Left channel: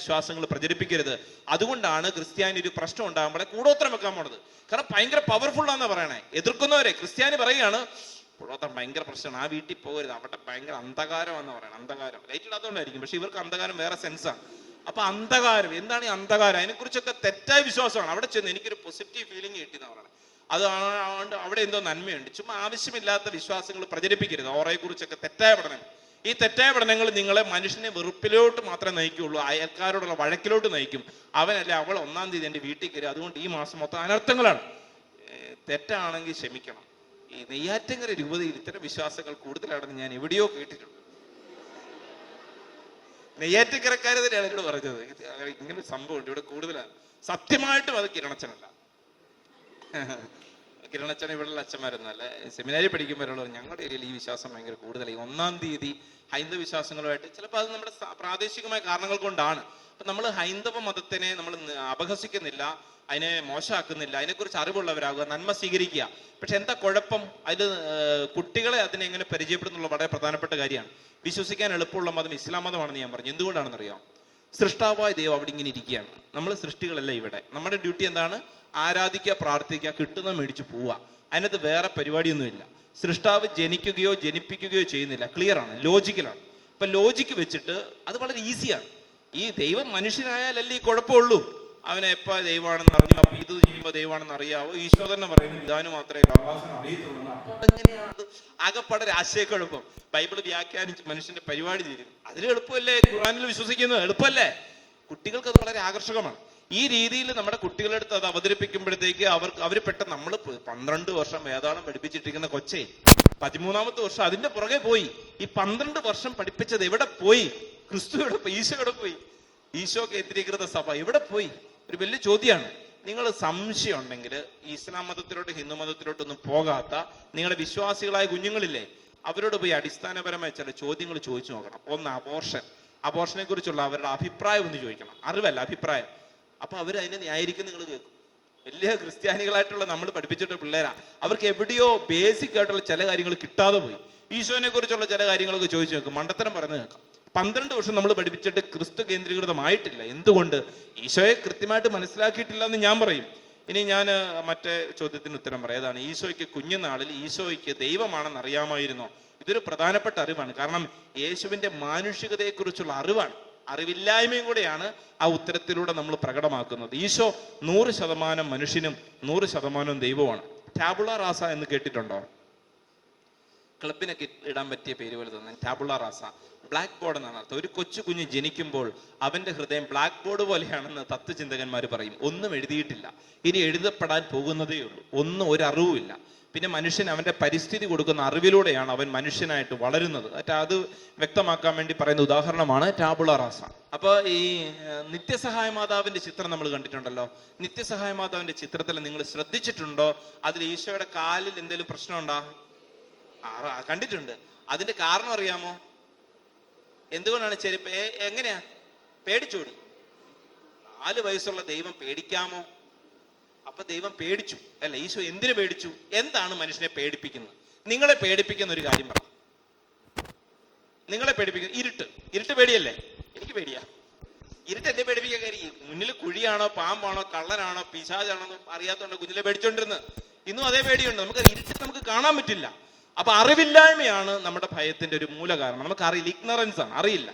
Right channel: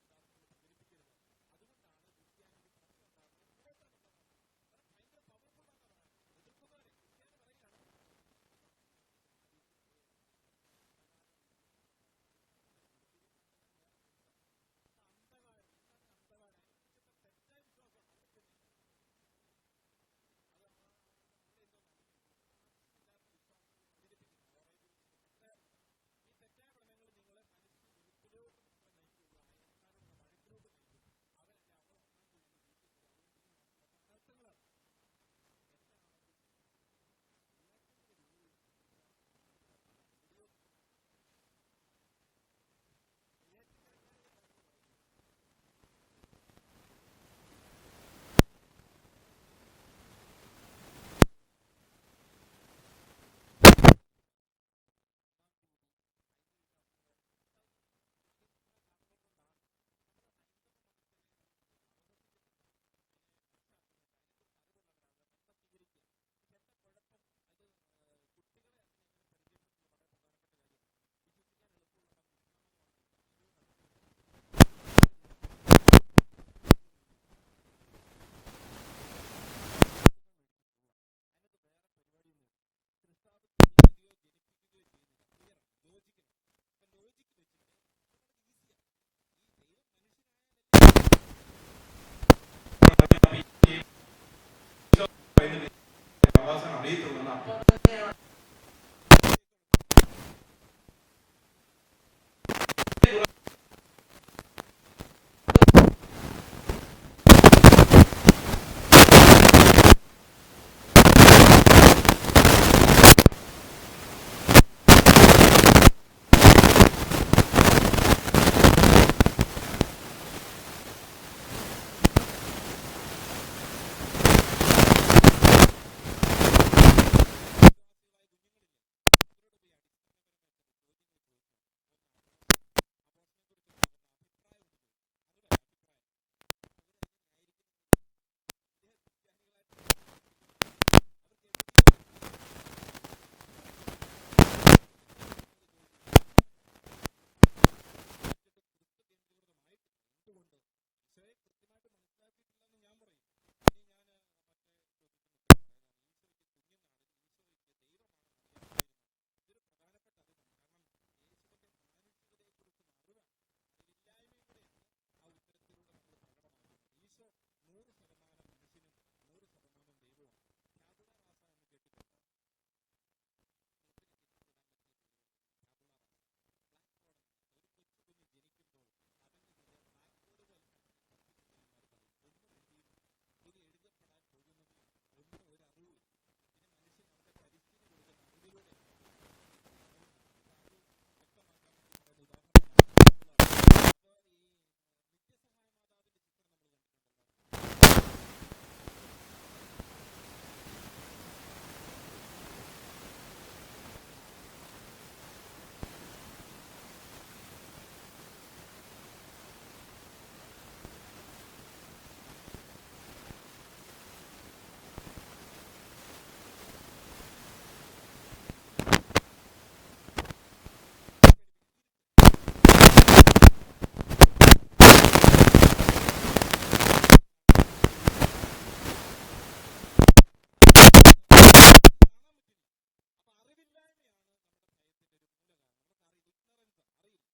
വിശ്വാസങ്ങൾ പ്രചരിപ്പിക്കരുത്. അതുകൊണ്ടാണ് ക്രിസ്ത്യാനി ഒരു പ്രശ്നം ഉണ്ടാകുമ്പോഴേ കൂടോത്രം വെക്കാൻ പോണത്. കാരണം ഭയങ്കര പവർഫുള്ളാന്നാ പറയണേ. എതിർക്കുന്നവരെ ക്രിസ്ത്യാനി പറയുകയാണ് കൂടോത്രം ഭയങ്കര പ്രശ്നമാണ്, ആ വീട്ടിൽ പോകരുത്, അവിടെ ഭയങ്കര അന്ധകാരമാണെന്ന് പറയണം. അന്ധകാരം ലൈറ്റ് ഇല്ലാത്തതുകൊണ്ടായിരിക്കും, പക്ഷെ ഇവർക്ക് അന്ധകാരം വേറെ സെൻസാണ്. അപ്പൊ അന്ധകാരം എന്താണ് ഈ അന്ധകാരം? അതിനെക്കുറിച്ചൊക്കെ തെറ്റായ വിശ്വാസമാണ്. അവിടെ ചെന്ന് എനിക്കൊരു പോസിറ്റീവ് ഫീലിംഗ് കിട്ടിയെന്ന് പറയണം. അതുകൊണ്ട് അവിടെ എന്തോ നന്മയുണ്ട്. ചുമ്മാ ആവശ്യമില്ലാത്ത വിശ്വാസങ്ങൾ പ്രചരിപ്പിക്കരുത്. ഓറയെ കുറിച്ചൊക്കെ തെറ്റായ പഠനം. ഈ തെറ്റായ പഠനങ്ങൾ നിങ്ങളെ മനുഷ്യനെ വെറുപ്പിലോട്ട് മാത്രമേ നയിക്കുള്ളൂ, അയൽക്കാരോടുള്ള വഴക്കിലോട്ട് നയിക്കും. അവനല്ലേ അവൾ 1-ാം തീയതി എൻ്റെ വീട്ടിൽ കയറി, അതുകൊണ്ട് ഈ മാസം മൊത്തം അനർത്ഥങ്ങളാണ്. തെറ്റാണെങ്കിൽ ക്ഷമിക്കണം. ഈ നെയ്യാറ്റിൻകര രൂപതയിൽ ഇത്തരം വിശ്വാസങ്ങൾ കൂടുതലാണെന്ന് ഞാൻ എവിടെയോ കേട്ടിട്ടുണ്ട്. നെയ്യാറ്റിൻകരക്കാർ തന്നെയാണ് എന്നോട് പറഞ്ഞത്, ഇങ്ങനെ സംഭവമുണ്ട് ഇവിടെ കൂടുതലാണ്. സത്യമായിട്ടും അത് കിരണച്ചനല്ല. കിരണച്ചൻ ഇവിടെയുള്ള അച്ഛന്മാരൊന്നല്ല, സെമിനാരി പഠിക്കുമ്പോഴുള്ള ഞങ്ങളുടെ കയ്യിൽ ഈ വിശ്വാസം ഭയങ്കര കൂടുതലായി. 1-ാം തീയതി ഹൈന്ദവ വിശ്വാസങ്ങളുമായിട്ട് ചിലപ്പോൾ അത് നമ്മുടെ പ്രാദേശികമായ കാരണങ്ങൾ കൊണ്ടാണ്. അപ്പൊ നമ്മൾ ഹൈന്ദവ മതത്തിനെ നമ്മൾ അപഹസിക്കുന്നില്ല, അതിനെ മോശമാക്കുന്നില്ല, അതിനെക്കുറിച്ച് അറിവുള്ളവരാകുക, നന്മ സ്വീകരിക്കുക. പക്ഷെ എന്താ കുഴപ്പം? അതിൽ കുട്ടികളെ അതിനെ എങ്ങനെ പരിചയപ്പെടുന്നുള്ള വളരെ പ്രധാനപ്പെട്ട കാര്യമാണ്. വിശ്വസിക്കാൻ എളുപ്പമുള്ള മതം ഇസ്ലാം മതമാണെന്ന് ഞാൻ പറഞ്ഞു. എന്തുകൊണ്ടാണെന്നറിയാം? സൃഷ്ടാവായ ദൈവം അവിടെ ഇങ്ങനെ ഇരിക്കുകയാണ്. നമ്മൾ സൃഷ്ടികളല്ല ഇവിടെ. നമ്മുടെ ഡ്യൂട്ടി എന്താണ്? ആരാധിക്കുക, പ്രാർത്ഥിക്കുക, കിട്ടുന്ന മേടിച്ച് പോവുക. അതിനകത്ത് വേറെ പരിപാടിയൊന്നുമില്ല. സൃഷ്ടാവ് ജനിക്കുകയോ ജനിപ്പിക്കുകയോ ചെയ്യുന്നില്ല. ക്ലിയർ ആണ്, ലോജിക്കലാണ്. ഇപ്പൊ ലോജിക്ക് വെച്ചിട്ട് അത് വളരെ ഈസിയാണ്. ഈ ദൈവം മനുഷ്യനായാലല്ലേ കുഴപ്പമുള്ളൂ. അവനെ എപ്പോ ദൈവമാണെന്ന് അറിഞ്ഞാവോ, ഇത് ചെയ്യുമ്പോൾ ദൈവമാണെന്ന് അറിയാവോ? ഈശോ തന്നെ പറയുന്നു പിതാവിന് മാത്രമേ അവകാശം അറിയത്തുള്ളൂ. അപ്പൊ അതെങ്ങനെയാണ് ആകെപ്പാടെ രാഷ്ട്രീയ കുഴപ്പം? ബൈബിള് വ്യാഖ്യാനിച്ച് മനുഷ്യന്റെ പരിപാടി തീരും. അതിന് എളുപ്പമല്ലേ ഖുർആനിൽ വിശ്വസിക്കുന്നത്? എളുപ്പമല്ലേ? കുട്ടികൾക്ക് അത് വളരെ ആകർഷകമാണ്. ഈ രീതിയിൽ കുട്ടികൾക്ക് അത് അവതരിപ്പിക്കുമ്പോഴത്തേക്കും നമ്മൾ 13-ാമത്തെ വർഷം അതിന്റെ പുറകെ പോയി. 12 വർഷം എവിടെ പോയി? ഈശോ കേന്ദ്രീകൃത സഭ എവിടെ പോയി? ഒരു വലിയ ചോദ്യമാണ്. നിങ്ങൾ സംശയം ഉണ്ടെങ്കിൽ മതത്തിലോട്ട് പോകാതെ നിങ്ങളുടെ വിശ്വാസികളായ കുഞ്ഞുങ്ങളില്ലേ, അവരോട് പോയി അടിസ്ഥാനപരമായ ചില ചോദ്യങ്ങൾ ചോദിച്ചു നോക്കണം. ഒന്ന്, അബോർഷനെ കുറിച്ചുള്ള അവരുടെ അഭിപ്രായം ഒന്ന് ചോദിക്കണം. അറിവല്ല, അഭിപ്രായം. അപ്പൊ അവർ അതിനെ ന്യായീകരിക്കും. നിങ്ങൾ കേൾക്കും. വലിയ ക്രിസ്ത്യാനികളായിട്ടുള്ള നമ്മൾ പഠിപ്പിച്ചിട്ട് പിള്ളേരാ, അവർക്ക് എവിടെയോ ബേസിക് ആയിട്ടുള്ള ചില കാര്യങ്ങൾ കിട്ടാതെ പോയി. ഈശോനെ കുറിച്ചുള്ള ചില കാര്യങ്ങളൊക്കെ ചോദിച്ചു നോക്കും, മണ്ടത്തരം പറയുന്നത് കേൾക്കാം. 12 വർഷം നമ്മൾ പഠിപ്പിച്ചിട്ട് ക്രിസ്തു കേന്ദ്രീകൃതമായിട്ടില്ല. എന്തുകൊണ്ട്? ഈശോയെ കൃത്യമായിട്ട് മനസ്സിലാക്കിയിട്ടില്ല എന്ന് ഞാൻ പറയും. ഇനി ഞാൻ മറ്റേ ചോദ്യത്തിന് ഉത്തരം പറയാം. അതാണ്, ഈശോയ്ക്ക് കുഞ്ഞുനാളിൽ ഈശോയ്ക്ക് ദൈവമാണെന്ന് അറിയാമായിരുന്നോ? ഇതൊരു പ്രധാനപ്പെട്ട അറിവാണ്. കാരണം യേശുവിന്റെ മാനുഷികതയെക്കുറിച്ചുള്ള അറിവാണ്. അറിവില്ലായ്മയും കൂടെയാണ് ആ ഉത്തരത്തിലൂടെ നമ്മൾ പ്രകടമാക്കുന്നത്. ഈശോ 100% മനുഷ്യനും 100% ദൈവമാണ്. ടാബുള റാസ എന്ന് കേട്ടിട്ടുണ്ടോ? ക്ലബിനൊക്കെ ഇടാൻ പറ്റിയ പേര് പോലെ തന്നെ ടാബുള റാസ. ബ്ലാക്ക് ബോർഡ് എന്നാണ് അർത്ഥം. ഒരു കൊച്ചു കുഞ്ഞ് ജനിക്കുമ്പോൾ അവന്റെ ഹൃദയം ബ്ലാക്ക് ബോർഡ് പോലെയാണെന്ന് തത്വചിന്തകന്മാർ പറയും. ഒന്നും എഴുതിയിട്ടില്ല, ഇനി എഴുതപ്പെടാൻ പോകുന്നതേ ഉള്ളൂ. ഒരു അറിവുമില്ല. പിന്നെ മനുഷ്യൻ അവന്റെ പരിസ്ഥിതി കൊടുക്കുന്ന അറിവിലൂടെയാണ് അവൻ മനുഷ്യനായിട്ട് വളരുന്നത്. അത് വ്യക്തമാക്കാൻ വേണ്ടി പറയുന്ന ഉദാഹരണമാണ് ടാബുള റാസ. അപ്പൊ ഈ നിത്യസഹായ മാതാവിന്റെ ചിത്രം നമ്മൾ കണ്ടിട്ടുണ്ടല്ലോ. നിത്യസഹായ മാതാവിന്റെ ചിത്രത്തിൽ നിങ്ങൾ ശ്രദ്ധിച്ചിട്ടുണ്ടോ? അതിൽ ഈശോയുടെ കാലിൽ എന്തെങ്കിലും പ്രശ്നമുണ്ടോ? കണ്ടിട്ടുണ്ട്. അതിന്റെ കാരണം അറിയാമോ? എന്തുകൊണ്ടാണ് ചെരുപ്പ്? എങ്ങനെയാ? പേടിച്ചോടി. 4 വയസ്സുള്ള ദൈവം പേടിക്കാമോ? അപ്പൊ ദൈവം പേടിച്ചു അല്ല. ഈശോ എന്തിനു പേടിച്ചു? എന്താണ് മനുഷ്യനെ പേടിപ്പിക്കുന്നത്? നിങ്ങളെ പേടിപ്പിക്കുന്ന ഒരു കാര്യം പറ. നിങ്ങളെ പേടിപ്പിക്കുന്ന ഇരുട്ട് പേടിയല്ലേ? പേടിയാ? ഇരുട്ടിനെ പേടിക്കുന്നത് കുഴിയാണോ, പാമ്പാണോ, കള്ളനാണോ, പിശാചാണോ അറിയാത്തോണ്ട് കുഞ്ഞിലെ പേടിച്ചോണ്ടിരുന്നത്. ഇന്നും അതേ പേടിയുണ്ട്. നമുക്ക് കാണാൻ പറ്റില്ല. അപ്പൊ അറിവില്ലായ്മയാണ് നമ്മുടെ ഭയത്തിന്റെ ഒരു മൂല കാരണം. നമുക്ക് അറിയില്ല, ഇഗ്നറൻസ് ആണ്, അറിയില്ല.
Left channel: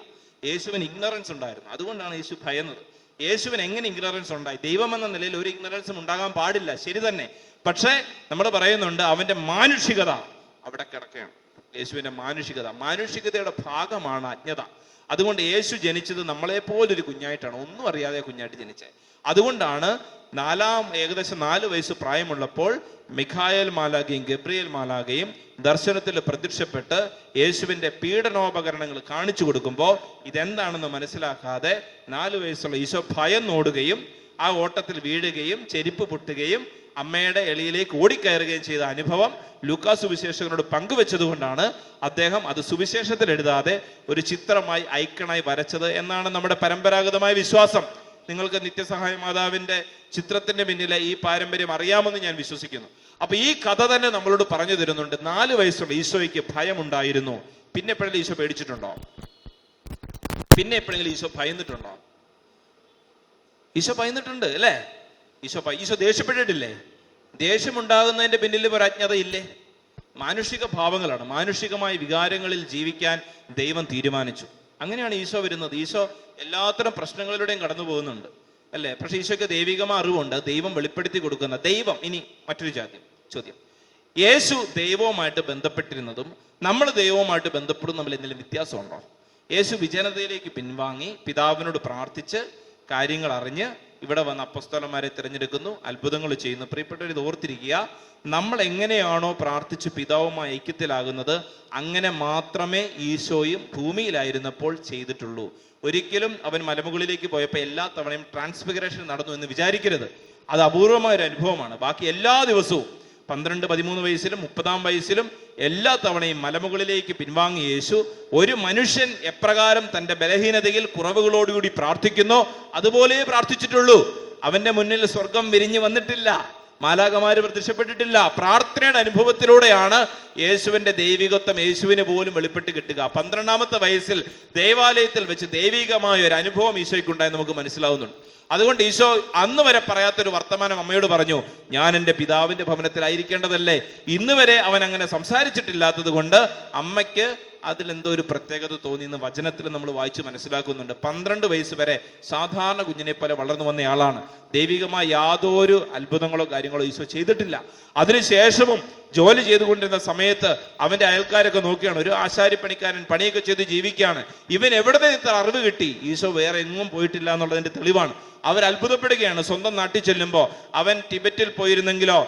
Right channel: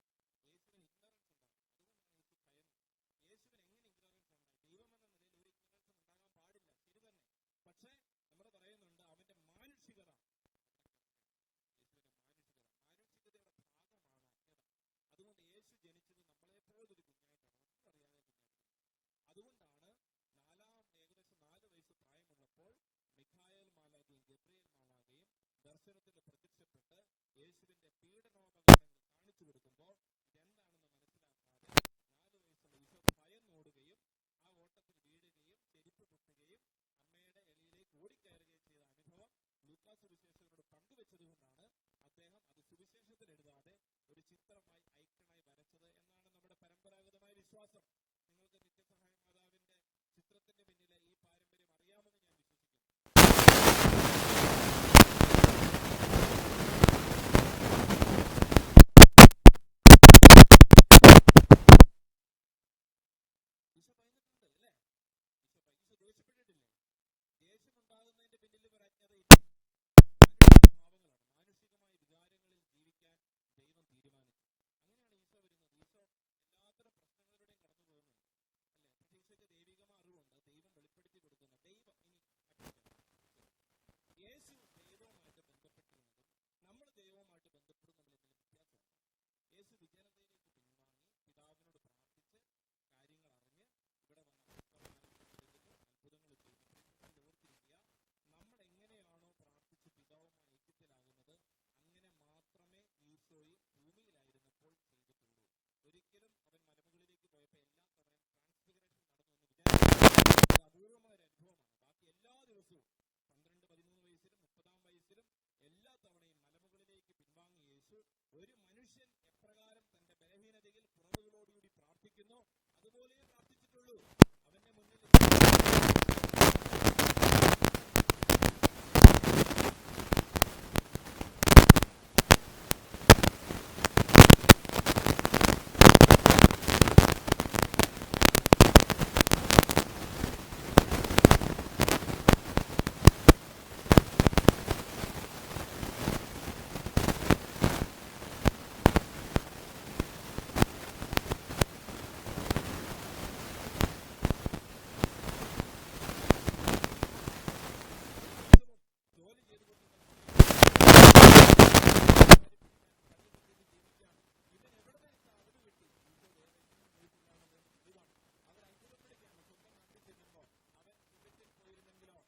യേശുവിന് ഇഗ്നറൻസ് ഉണ്ടായിരുന്നു. അതുകൊണ്ടാണ് യേശു ഭയന്നത്. യേശുവിന് എങ്ങനെ ഇഗ്നറൻസ് ഉണ്ടായി? ദൈവം എന്ന നിലയിൽ ഒരു ഇഗ്നറൻസും ഉണ്ടാകാൻ പാടില്ല, ശരി തന്നെ. പക്ഷേ നമ്മൾ പറയുന്നുണ്ട് അവന്റെ മാനുഷികത അവിടെ കിടക്കുകയാണ്. യേശുവിന്റെ മാനുഷികതയുടെ ഭാഗമാണ് അജ്ഞത. അതുകൊണ്ട് യേശു ജനിച്ചത് നമ്മളെപ്പോലൊരു കുഞ്ഞായിട്ടാണ്, ഒന്നും അറിയാതെ കുഞ്ഞായിട്ട് ജനിച്ചത്. അതുകൊണ്ടാണ് ഏകദേശം 4 വയസ്സ് പ്രായമുള്ളപ്പോൾ മിഖായേൽ മാലാഖയും ഗബ്രിയേൽ മാലാഖയും ദർശനത്തിൽ പ്രത്യക്ഷപ്പെട്ട് യേശുവിന്റെ പീഡനോപകരണങ്ങൾ കാണിച്ചു കൊടുക്കുമ്പോൾ ഇതെന്താണെന്ന് മനസ്സിലാക്കാതെ 4 വയസ്സുള്ള ഈശോ ഭയന്നോടുകയും ആ ഓട്ടത്തിൽ വീഴുകയും ചെരുപ്പ് പൊട്ടുകയും അമ്മയുടെ എളിയിലേക്ക് ഓടിക്കയറുകയും ചെയ്ത അനുഭവം ലൂക്കാസ് സുവിശേഷകനോട് പങ്കുവെച്ചതുകൊണ്ടാണ് അദ്ദേഹം അത് സുവിശേഷത്തിൽ എഴുതാതെ ഒരു ചിത്രമായി ഐക്കണായി വരച്ചത് എന്നാണ് നമ്മുടെ പരമ്പരാഗതമായ വിശ്വാസം. നിങ്ങൾക്ക് നിത്യസഹായ മാതാവിന്റെ ചിത്രത്തിന്റെ പിന്നിലെ ഈ പാരമ്പര്യം അറിയാമെന്ന് ഞാൻ വിശ്വസിക്കുന്നു. അപ്പൊ ഈ കഥ തന്നെ നമ്മളോട് പറഞ്ഞു തരുന്നുണ്ട്. 4 വയസ്സുള്ള ഈശോയ്ക്ക് ഭയമുണ്ടായിരുന്നു. പിന്നെ എപ്പോഴെങ്കിലും ഈശോ പേടിച്ചിട്ടുണ്ടോ? പിന്നെ എപ്പോഴെങ്കിലും ഈശോ ഭയന്നിട്ടുണ്ടോ? ഈശോ പയന്നിട്ടുണ്ട് അല്ലേ? ഈശോ ദേഷ്യപ്പെട്ടിട്ടില്ലേ? ദേഷ്യമുണ്ടാകുന്നതിന്റെ പിന്നിൽ ഒരു അജ്ഞതയില്ലേ? മാനുഷിക ഭാവങ്ങളാണ്. മാനുഷികമായ വികാരങ്ങളിൽ ജീവിക്കാൻ ദൈവം തീരുമാനിച്ചു. അങ്ങനെയാണ് ഈശോ വരുന്നത്. ഈശോ എല്ലാത്തരം പ്രശ്നങ്ങളിലൂടെയും കടന്നു പോകുന്നുണ്ട് അല്ലേ? പക്ഷെ ഈശോയ്ക്ക് ദൈവികമായ അറിവുണ്ട്, ദൈവം വെളിപ്പെടുത്തി കൊടുക്കുന്ന ദൈവം. ഇനി മറ്റൊരു ചോദ്യം, യേശു ദൈവവുമായിട്ട് ബന്ധപ്പെട്ടിരുന്നതും നമ്മൾ ദൈവവുമായിട്ട് ബന്ധപ്പെടും തമ്മിൽ എന്തെങ്കിലും വ്യത്യാസമുണ്ടോ? യേശു വിജനതയിലേക്ക് പിൻവാങ്ങി പിതാവിനോട് പ്രാർത്ഥിച്ച് കാര്യങ്ങൾ അറിഞ്ഞ് ഇവിടെ വന്ന് അപ്പോസ്തലന്മാരെ തിരഞ്ഞെടുക്കുന്നു, അത്ഭുതങ്ങൾ ചെയ്യുന്നു. പ്രിയപ്പെട്ടവർ, ഇത് ഓർത്തിരിക്കുക, നമ്മൾ എങ്ങനെയാണോ പ്രാർത്ഥിച്ച് പിതാവുമായി ഐക്യത്തിലാകുന്നത് അങ്ങനെ മാത്രമേ ഈശോയും ഭൂമിയിലായിരുന്നപ്പോൾ ചെയ്തിട്ടുള്ളൂ. ഒരിക്കലും അവൻ മലമുകളിലേക്ക് പോയപ്പോൾ എല്ലാ തവണയും ട്രാൻസ്ഫിഗറേഷൻ നടന്നു എന്ന് വിചാരിക്കരുത്. അത് അപൂർവമായ ഒരു അനുഭവമാണ്. ബാക്കി എല്ലാ ദിവസവും 12, 13 വയസ്സിലും 30-ാം വയസ്സിലും എല്ലാ തവണയും മലമുകളിലേക്ക് പിൻവാങ്ങിയ യേശു ഒരു മനുഷ്യൻ എപ്രകാരം തൻ്റെ ബലഹീനതയിൽ കുറവുകളോടുകൂടി പ്രാർത്ഥിക്കുന്നോ അതുപോലെ പ്രാർത്ഥിച്ചിട്ടുള്ളൂ. അവന്റെ മുന്നിൽ സ്വർഗം വിരിഞ്ഞു വന്നിട്ടില്ല, മാലാഖമാര് പ്രത്യക്ഷപ്പെട്ടിട്ടില്ല. പ്രാർത്ഥനയുടെ അനുഭവത്തിലൂടെയാണ് യേശുവിന്റെ ദൈവികത്വം യേശുവിന് പോലും വെളിപ്പെട്ട് കിട്ടുക. 12-ാമത്തെ വയസ്സിൽ ദേവാലയത്തിൽ വെച്ച് ദൈവികമായ ഒരു അനുഭവം ഈശോയ്ക്കുണ്ടായി നമുക്ക് മനസ്സിലാവുന്നുണ്ട്. അതുകൊണ്ട് ഈശോ അന്ന് വരെ പറയാത്തൊരു വർത്തമാനം അമ്മയോട് പറഞ്ഞു, ഞാൻ എൻ്റെ പിതാവിന്റെ ഭവനത്തിലായിരിക്കേണ്ടതല്ലേ. ഇന്ന് വരെ അവൻ അങ്ങനെ സംസാരിച്ചിട്ടില്ലാത്തത് കൊണ്ട് അമ്മയ്ക്ക് അതിലെന്തോ ഒരു പ്രത്യേകത തോന്നിയെന്ന് വചനത്തിൽ നമ്മൾ വായിച്ച് മനസ്സിലാക്കുന്നുണ്ട്. 12 വയസ്സ് വരെ സാധാരണ കുഞ്ഞിനെ പോലെ വളർന്നു വന്നയാളാണ്. ദൈവികമായ യാതൊരു അത്ഭുതങ്ങളോ കാര്യങ്ങളോ ഈശോ ചെയ്തിട്ടില്ല. അതിനുശേഷവും ജോലി ചെയ്തുകൊണ്ടിരുന്ന സമയത്ത് അവൻ അയൽക്കാരൊക്കെ നോക്കിയാണ്, ഒരു ആശാരിപ്പണിക്കാരൻ പണിയൊക്കെ ചെയ്ത് ജീവിക്കുകയാണ്. ഇവൻ എവിടെ നിന്ന് ഇത്ര അറിവ് കിട്ടി? ഈശോ വേറെ എങ്ങും പോയിട്ടില്ല എന്നുള്ളതിന്റെ തെളിവാണ്. അവർ അത്ഭുതപ്പെടുകയാണ്. സ്വന്തം നാട്ടിൽ ചെല്ലുമ്പോൾ അവൻ ടിബറ്റിൽ പോയിരുന്നെങ്കിലോ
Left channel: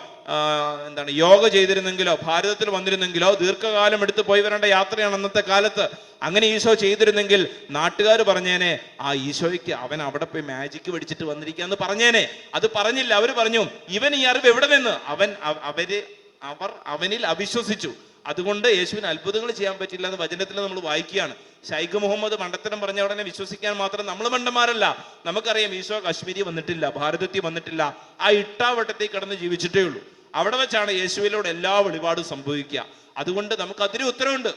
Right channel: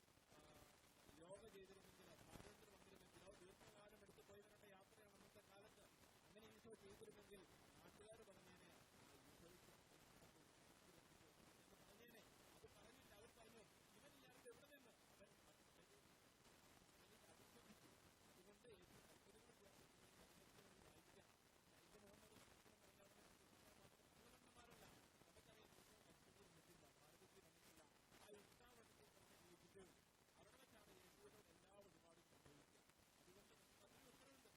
യോഗ ചെയ്തിരുന്നെങ്കിലോ ഭാരതത്തിൽ വന്നിരുന്നെങ്കിലോ ദീർഘകാലം എടുത്ത് പോയി വരേണ്ട യാത്രയാണ് അന്നത്തെ കാലത്ത്. അങ്ങനെ ഈശോ ചെയ്തിരുന്നെങ്കിൽ നാട്ടുകാർ പറഞ്ഞേനെ, ആ ഈശോയ്ക്ക് അവൻ അവിടെ പോയി മാജിക്ക് പഠിച്ചിട്ട് വന്നിരിക്കാന്ന് പറഞ്ഞേനെ. അത് പറഞ്ഞില്ല. അവർ പറഞ്ഞു, ഇവൻ ഈ അറിവ് എവിടെ നിന്ന്? അവർ അവനിൽ അവിശ്വസിച്ചു. അതുകൊണ്ട് യേശുവിന് അത്ഭുതങ്ങൾ ചെയ്യാൻ പറ്റില്ല എന്ന് വചനത്തിൽ നമ്മൾ വായിക്കുകയാണ്. ശൈഖ് മുഹമ്മദ് മണ്ടത്തരം പറഞ്ഞ ഉടനെ വിശ്വസിക്കാൻ മാത്രം നമ്മൾ മണ്ടന്മാരല്ല. നമുക്കറിയാം ഈശോ കശ്മീരി വന്നിട്ടില്ല, ഭാരതത്തിൽ വന്നിട്ടില്ല, ആ ഇട്ടാവട്ടത്തിൽ കിടന്ന് ജീവിച്ചിട്ടേ ഉള്ളൂ. അവിടെ വെച്ചാണ് യേശുവിലൂടെ എല്ലാ വെളിപാടും സംഭവിക്കുക. അതുകൊണ്ട് നമുക്ക് അതിന് ഉത്തരവുണ്ട്.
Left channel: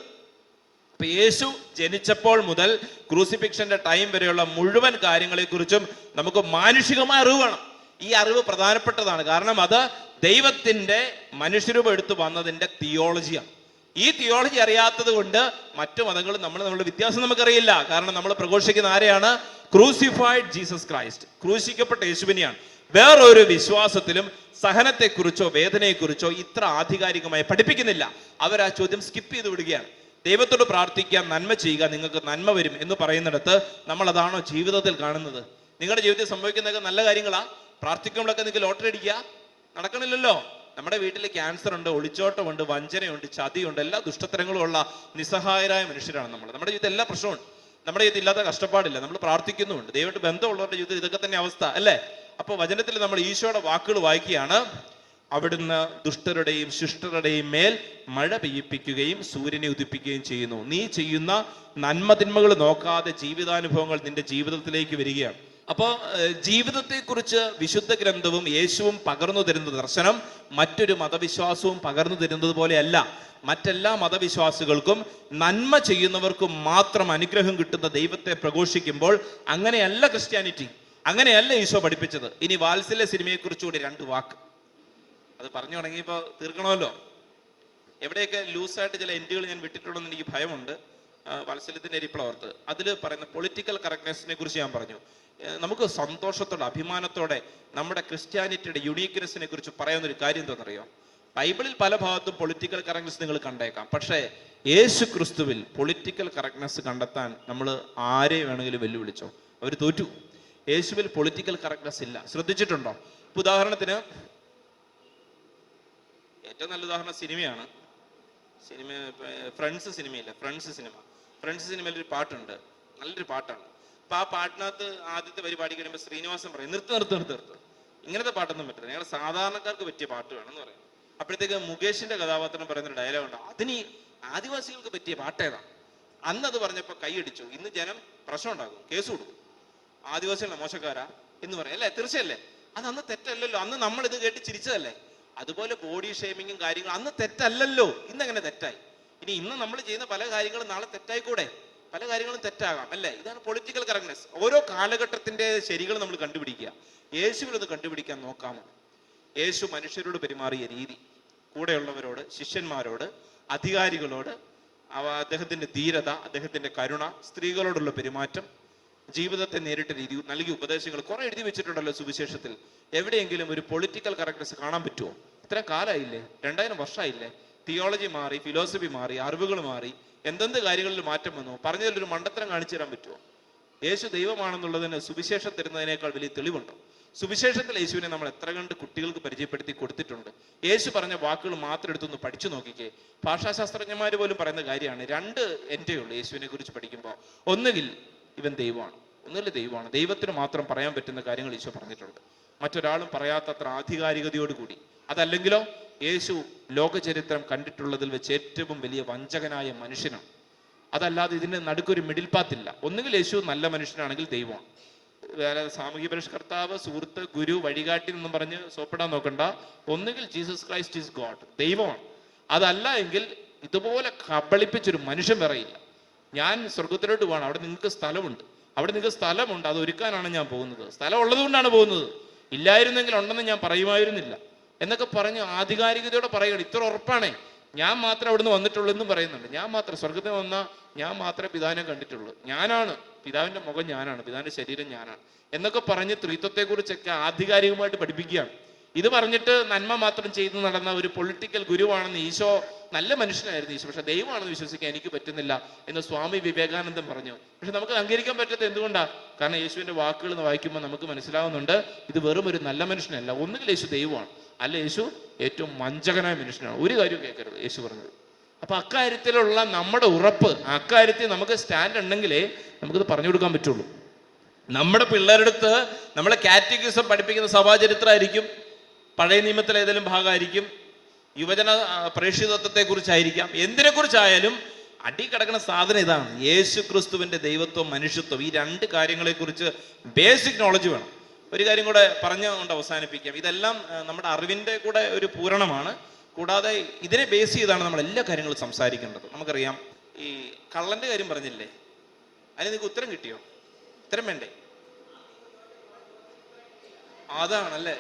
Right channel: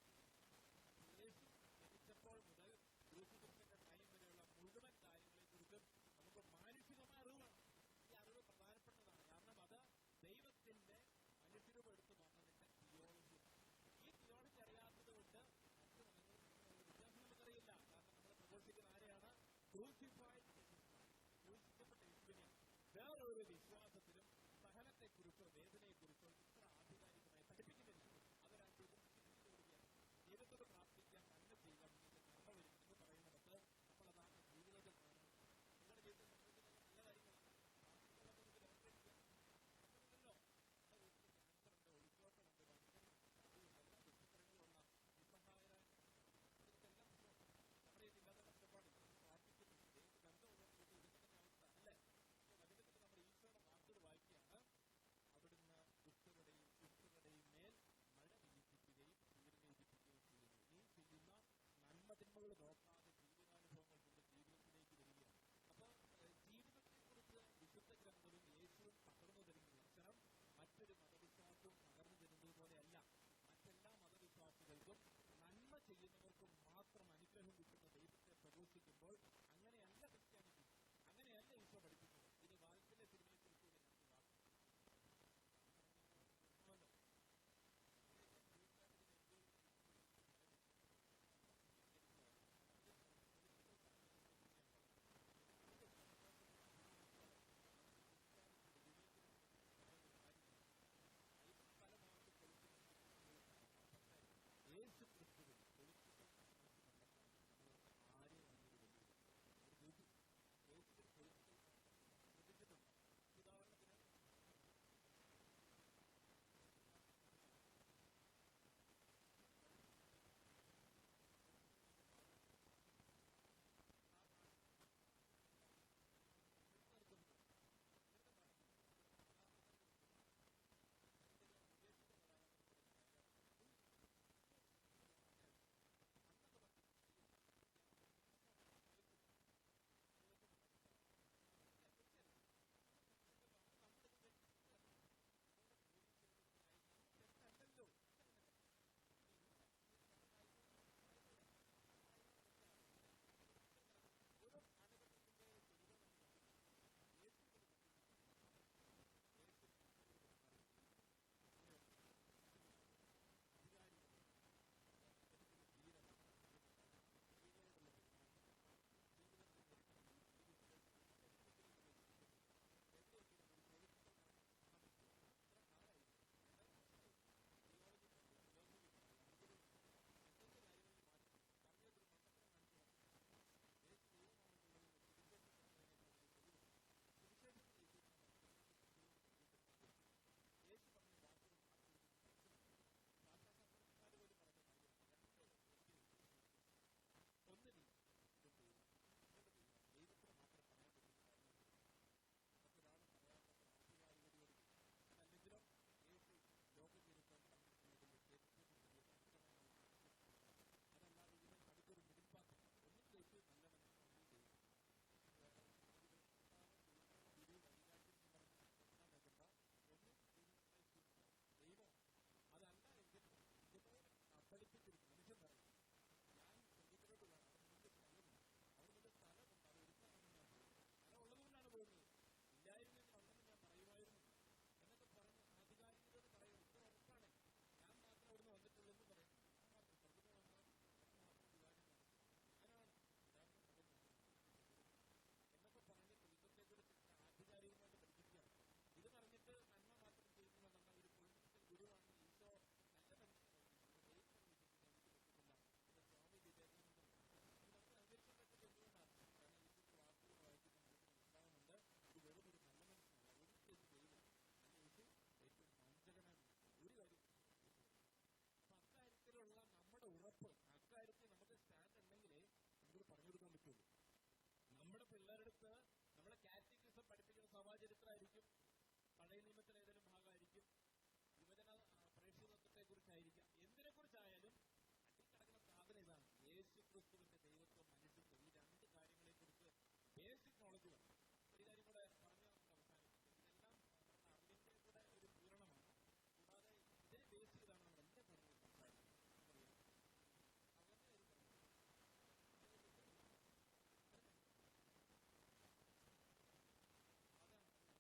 അപ്പൊ യേശു ജനിച്ചപ്പോൾ മുതൽ ക്രൂസിഫിക്ഷന്റെ ടൈം വരെയുള്ള മുഴുവൻ കാര്യങ്ങളെക്കുറിച്ചും നമുക്ക് മാനുഷികമായ അറിവ് വേണം. ഈ അറിവ് പ്രധാനപ്പെട്ടതാണ്. കാരണം അത് ദൈവത്തിന്റെ മനുഷ്യരൂപം എടുത്തു വന്നതിന്റെ തിയോളജിയാണ്. ഈ തിയോളജി അറിയാത്തത് കൊണ്ട് മറ്റു മതങ്ങൾ നമ്മളുടെ വ്യത്യാസം നമുക്കറിയില്ല. കാരണം നമ്മൾ പ്രഘോഷിക്കുന്ന ആരെയാണ്? ക്രൂസിഫൈഡ് ജീസസ് ക്രൈസ്റ്റ്, ക്രൂശിക്കപ്പെട്ട യേശുവിനെയാണ്. വേറൊരു വിശ്വാസത്തിലും സഹനത്തെക്കുറിച്ചോ വേദനയെക്കുറിച്ചോ ഇത്ര ആധികാരികമായി പഠിപ്പിക്കുന്നില്ല. അവർ ആ ചോദ്യം സ്കിപ്പ് ചെയ്ത് വിടുകയാണ്. ദൈവത്തോട് പ്രാർത്ഥിക്കുക, നന്മ ചെയ്യുക, നിങ്ങൾക്ക് നന്മ വരും എന്ന് പറയുന്നിടത്ത് നമ്മൾ അതാണോ ജീവിതത്തിൽ കാണുന്നത്? നിങ്ങളുടെ ജീവിതത്തിൽ സംഭവിക്കുന്നതൊക്കെ നല്ല കാര്യങ്ങളാ? പ്രാർത്ഥിക്കുമ്പോഴൊക്കെ നിങ്ങൾക്ക് ലോട്ടറി അടിക്കുക നടക്കണില്ലല്ലോ. നമ്മുടെ വീട്ടിൽ ക്യാൻസർ ഉണ്ട്, ഒളിച്ചോട്ടമുണ്ട്, വഞ്ചനയുണ്ട്, ചതിയുണ്ട്, എല്ലാ ദുഷ്ടത്തരങ്ങളും ഉള്ള നിസ്സഹായരായ മനുഷ്യരാണ് നമ്മൾ. നമ്മുടെ ജീവിതത്തിൽ എല്ലാ പ്രശ്നമുണ്ട്. നമ്മുടെ ജീവിതത്തിൽ ഇല്ലാത്ത കഷ്ടപ്പാടില്ല. നമ്മൾ പ്രാർത്ഥിക്കുന്നുമുണ്ട്. ദൈവമായിട്ട് ബന്ധമുള്ളവരുടെ ജീവിതത്തിൽ ഇതൊക്കെ തന്നെ അവസ്ഥ അല്ലേ? അപ്പോൾ വചനത്തിൽ നമ്മൾ ഈശോയുടെ വാക്കുകൾ വായിക്കുകയാണ്. അവിടുന്ന് ദുഷ്ടരുടെയും ശിഷ്ടരുടെയും മേൽ മഴ പെയ്യിപ്പിക്കുകയും സൂര്യനെ ഉദിപ്പിക്കുകയും ചെയ്യുന്നു. നീ ചെയ്യുന്ന നന്മതിന്മകൾ നോക്കാതെ ജീവിതാനുഭവങ്ങൾ നിന്റെ ജീവിതത്തിലേക്ക് വരികയാണ്. അപ്പോൾ ജീവിതത്തെക്കുറിച്ച് വിശുദ്ധ ഗ്രന്ഥവും യേശുവും പകർന്നു തരുന്ന ദർശനം മറ്റൊരു മതവിശ്വാസവും പകർന്നു തരുന്നത് പോലെയല്ല. മറ്റെല്ലാ മതവിശ്വാസികൾക്കും നന്മ ചെയ്യുന്നവർക്കും മാത്രം അനുഗ്രഹം കിട്ടുന്ന ദൈവത്തെ പ്രഘോഷിക്കുമ്പോൾ അങ്ങനെയല്ല ക്രിസ്ത്യാനിറ്റി, അങ്ങനെയല്ല ഈശോ പഠിപ്പിച്ചത്. ഇനി വാത്സല്യ സിനിമയെക്കുറിച്ചുകൂടി 2 വാക്ക്. അത് പറഞ്ഞു തുടങ്ങിയപ്പോൾ തീർക്കണമല്ലോ. എവിടെയൊക്കെ ലൂസായിട്ട് ചില എൻഡുകൾ ഞാൻ വിട്ടിട്ടുണ്ടെന്ന് എനിക്ക് ഭയമുണ്ട്. വാത്സല്യത്തിന്റെ എരിപ്ലവർത്ത് അതിൽ പറയുന്ന പൊളിറ്റിക്കൽ കറക്റ്റ്നെസ്സിനെ കുറിച്ച് ഞാൻ പറഞ്ഞു. നമുക്ക് സന്തോഷത്തോടെ അഭിമാനത്തോടെ നമ്മുടെ ക്രിസ്ത്യാനിറ്റിയുടെ യുണീക്നെസ്സിനെ കുറിച്ച് പറയുന്നൊരു കാര്യം എന്താണെന്നറിയോ? ബൈബിളിൽ പല ഭാഗത്തും പൊളിറ്റിക്കൽ കറക്റ്റ്നെസ് നിങ്ങൾ കണ്ടേക്കാം. പക്ഷേ യേശു ക്രിസ്തുവിൽ പൊളിറ്റിക്കൽ കറക്റ്റ്നെസ് കണ്ടെത്താൻ നമ്മൾ ആരെ വേണമെങ്കിലും വെല്ലുവിളിച്ചോ, അവർ തോറ്റു. യേശുവിൽ പൊളിറ്റിക്കൽ കറക്റ്റ്നെസ് ഇല്ല. ശ്രദ്ധിച്ചിട്ടുണ്ടോ? ഉദാഹരണത്തിന് ഏറ്റവും നല്ല ഉദാഹരണം സിനിമയാണ്. ഫ്രണ്ട്സ് സിനിമയില്ല, ഫ്രണ്ട്സ് സിനിമയിൽ ഒരു പാട്ടുണ്ട്, നല്ലൊരു പാട്ടാണ്. അപ്പൊ ആ പാട്ടിനകത്ത് ആദ്യത്തെ പരിപാടി കഴിയുമ്പോൾ ശ്രീനിവാസൻ പറയും, നിർത്ത്, ഇങ്ങനത്തെ പാട്ടൊന്നും പറ്റില്ല, ഞങ്ങൾ സാധാരണക്കാർക്ക് പറ്റിയ പാട്ട് വേണമെന്ന് പറയും. അപ്പോഴത്തേക്ക് മുകേഷിന്റെ കഥാപാത്രം പറയുന്നൊരു ഡയലോഗ് ഉണ്ട്, അതിന് ആദിവാസികൾക്ക് പറ്റിയ പാട്ടേതാ? അന്ന് അത് പറഞ്ഞപ്പോൾ കൈയടിച്ചു. ഇന്ന് ജനം പ്രശ്നം ഉണ്ടാകും, കേസ് കൊടുക്കും, ആദിവാസികളെ മോശക്കാരാ എന്ന് പറയും അല്ലേ? തീർച്ചയല്ലേ? അത് അന്ന് തെറ്റല്ലല്ലോ, അന്ന് നമ്മൾ ഇത് കേട്ട് ചിരിച്ചതല്ലേ? അതുപോലെ ബോഡി ഷേമിങ്ങും കാര്യങ്ങളും അന്ന് തെറ്റല്ലല്ലോ, ഇന്നെങ്ങനെ തെറ്റായി? ഇന്ന് നമ്മൾ ചെയ്യുന്ന പല കാര്യങ്ങളും നാളെ തെറ്റായിക്കൂടെ? പല കാര്യങ്ങളും തെറ്റാകാം അല്ലേ? ഇതാണ് പൊളിറ്റിക്കൽ കറക്റ്റ്നെസ്. ഓരോ കാലഘട്ടത്തിന്റെ ശരികൾ നമ്മൾ കണ്ടുപിടിക്കുക. യേശുവിലൊന്ന് കണ്ടുപിടിക്കാൻ നോക്കാമോ? യേശു മനുഷ്യരോട് പെരുമാറിയ രീതി, കൂടെയുള്ളവരോട്, ശിഷ്യന്മാരോട്, അധികാരികളോട്, അദ്ദേഹത്തിന്റെ ധീരത, അദ്ദേഹത്തിന്റെ കരുണ, സ്ത്രീകളോടുള്ള പെരുമാറ്റം, ജീവിതത്തെ നേരിട്ട രീതി, നൽകിയ ഉപദേശങ്ങൾ കുറെ എഴുതി വെച്ചിട്ടുണ്ടല്ലോ സുവിശേഷത്തിൽ. എവിടെയെങ്കിലും ഒരു പൊളിറ്റിക്കൽ കറക്റ്റ്നെസ് കാണാൻ പറ്റുമോ? ഇത്രയും കാലമായില്ലേ, 2000 വർഷമായില്ലേ, തിയോളജി മാറി, ഫിലോസഫി മാറി, അറിവുകൾ മാറി, എന്തെന്ത് കാര്യങ്ങളിൽ മാറ്റം വന്നു? പറഞ്ഞതിലൊരു മണ്ടത്തരം കാണിച്ചു തരാൻ പറ്റുമോ? യേശു ദൈവമാണെന്നുള്ളതിന് സുവിശേഷം തരുന്നതിനേക്കാൾ വലിയ തെളിവുണ്ടോ? സുവിശേഷത്തിൽ യേശുവിനെ നമ്മൾ എത്ര കണ്ട് കുട്ടികൾക്ക് പരിചയപ്പെടുത്തി കൊടുത്തിട്ടുണ്ട്. യേശു പറഞ്ഞ വാക്കുകൾ മാത്രം എടുത്തൊന്ന് പഠിച്ചു നോക്കിക്കേ. ഭാഷാശാസ്ത്രജ്ഞന്മാർ പോലും പറയുന്ന കാര്യമാണ്, 2 എൻ്റെ ഉള്ളൂ യേശുവിനെ കുറിച്ച് പഠിക്കുമ്പോൾ. ഒന്നുകിൽ ഇവൻ ദൈവമാണ്, ഒന്നുകിൽ ദൈവമാണ്. ദൈവത്തിന് മാത്രം പറയാൻ പറ്റുന്ന കാര്യങ്ങൾ ഈശോ പറഞ്ഞിട്ടുണ്ട്, മറ്റൊരാളും പറയാത്തത്ര ആധികാരികതയോടുകൂടി. അതല്ലെങ്കിലോ യേശു ലോകചരിത്രം കണ്ടിട്ടുള്ളതിൽ വെച്ച് ഏറ്റവും വലിയ വഞ്ചകനായ മനുഷ്യനാണ്. അതല്ലാതെ ഇതിന്റെ നടുക്കൊരു മിഡിൽ പാത്തില്ല. ഒന്നുകിൽ യേശു നല്ല മനുഷ്യനാണെങ്കിൽ ദൈവമാണ്. വേറെ സാമൂഹ്യ പരിഷ്കർത്താവ്, സുഹൃത്ത്, ഗുരു, വഴികാട്ടി എന്നും പറഞ്ഞ് സോപ്പിടാൻ നോക്കണ്ട. ഒന്നുകിൽ ജീസസ് ക്രൈസ്റ്റ് ഈസ് ഗോഡ്, ദൈവമാണ്. അതല്ല എങ്കിൽ ഇതുപോലെ കബളിപ്പിച്ചൊരു മനുഷ്യൻ വേറെയില്ല. ഞാൻ സ്വർഗത്തിലോട്ട് പോകണം, അവിടെ നിങ്ങൾക്ക് സ്ഥലമുണ്ട്, അവിടെ നിങ്ങൾക്ക് സ്ഥലമുണ്ട്, അത് ഒരുക്കാനാണ് ഞാൻ പോകുന്നത്, സ്ഥലം ഉള്ളത് കൊണ്ടാണ് പോകുന്നത്, ഇല്ലായിരുന്നെങ്കിൽ ഉണ്ടെന്ന് ഞാൻ പറയുമായിരുന്നില്ല എന്നൊക്കെ പറഞ്ഞ് ആധികാരികതയോടെ പറയുകയാണ്. ഇത്ര ഉറപ്പാണേ, ഞാൻ മാത്രമേ അവിടുന്ന് വന്നിട്ടുള്ളൂ എന്നും പറയുന്നുണ്ട്. ഞാൻ മാത്രം സ്വർഗത്തിൽ വന്ന ഞാൻ മാത്രമേ പിതാവിനെ കണ്ടിട്ടുള്ളൂ, ഞാനാണ് പിതാവിന്റെ മുഖം, ഞാനാണ് പിതാവിന്റെ ശരീരം, ഞാനാണ് എന്നൊക്കെ പറഞ്ഞ് ത്രിത്വത്തെ കുറിച്ചൊക്കെ ആധികാരികമായിട്ട് പഠിപ്പിക്കുകയാണ്. ഇത് പറഞ്ഞിട്ട് നന്മ മാത്രം ചെയ്തു നടന്ന ഒരു പൊളിറ്റിക്കൽ ഗുരുവാണെന്ന് ഈശോ, നല്ല മനുഷ്യനായിരുന്നു ഈശോ, പക്ഷെ ദൈവമാണെന്ന് വിശ്വസിക്കാൻ എനിക്ക് പറ്റുന്നില്ല എന്ന് സ്വാമി വിവേകാനന്ദൻ പറഞ്ഞു. പക്ഷെ നമുക്ക് അംഗീകരിക്കാൻ പറ്റാത്ത എന്തുകൊണ്ടാ? കാരണം യേശുവിന്റെ വാക്കുകൾ വായിക്കുമ്പോൾ നമുക്ക് മനസ്സിലാവുന്നുണ്ട്, ഇത് വെറും ഒരു നല്ല മനുഷ്യനല്ല. ഒന്നുകിൽ യേശു ദൈവമാണ്, അല്ല യേശു ഏറ്റവും വഞ്ചകനായ മനുഷ്യനാണ്. ഒരു കാര്യവും കേൾക്കരുത് യേശു പറഞ്ഞത്. അപ്പൊ അക്കാര്യത്തിലുള്ള നമ്മുടെ ഉറപ്പ്, അക്കാര്യത്തിൽ നമുക്ക് സ്റ്റാൻഡ് ഉണ്ടെങ്കിലേ നമുക്കിത് പറഞ്ഞു കൊടുക്കാൻ പറ്റുള്ളൂ. നമ്മുടെ പിള്ളേരുടെ അടുത്ത് നമ്മളെ കാറ്റഗിസം പഠിപ്പിക്കുന്ന സഭാചരിത്രമായിരിക്കും, പഴയ നിയമത്തിലെ ഏതെങ്കിലും ഭാഗമായിരിക്കും, യുവജന പ്രേക്ഷിതത്വത്തെ കുറിച്ചായിരിക്കാം, എന്തിനെ കുറിച്ചായാലും അടി കിടക്കുന്ന സാധനം ഇതാണ്: യേശു ക്രിസ്തുവിന്റെ ദൈവത്വം, മനുഷ്യത്വം. ഈ 2 കാര്യങ്ങളെ കുറിച്ച് ബേസിക് നോളജ് വേണം. ഒരു കാര്യം കൂടെ പറഞ്ഞുകൊണ്ട് അവസാനിപ്പിക്കാം. ഇതെല്ലാം നമ്മുടെ അറിവിന്റെ കൂടെ ഒരു പൂരണമാണ്. കൂടാതെ ഇതിനെ ബേസ് ചെയ്താണ് നമ്മൾ എല്ലാ കാര്യങ്ങളും സംസാരിക്കേണ്ടത്. നമുക്കറിയാം, ഈ കള്ളന്റെ കാര്യം പറഞ്ഞില്ലേ, അതിന് നിങ്ങൾക്ക് ഉത്തരം കിട്ടിയോ? ഉത്തരം വേണ്ടേ? അതാണല്ലേ.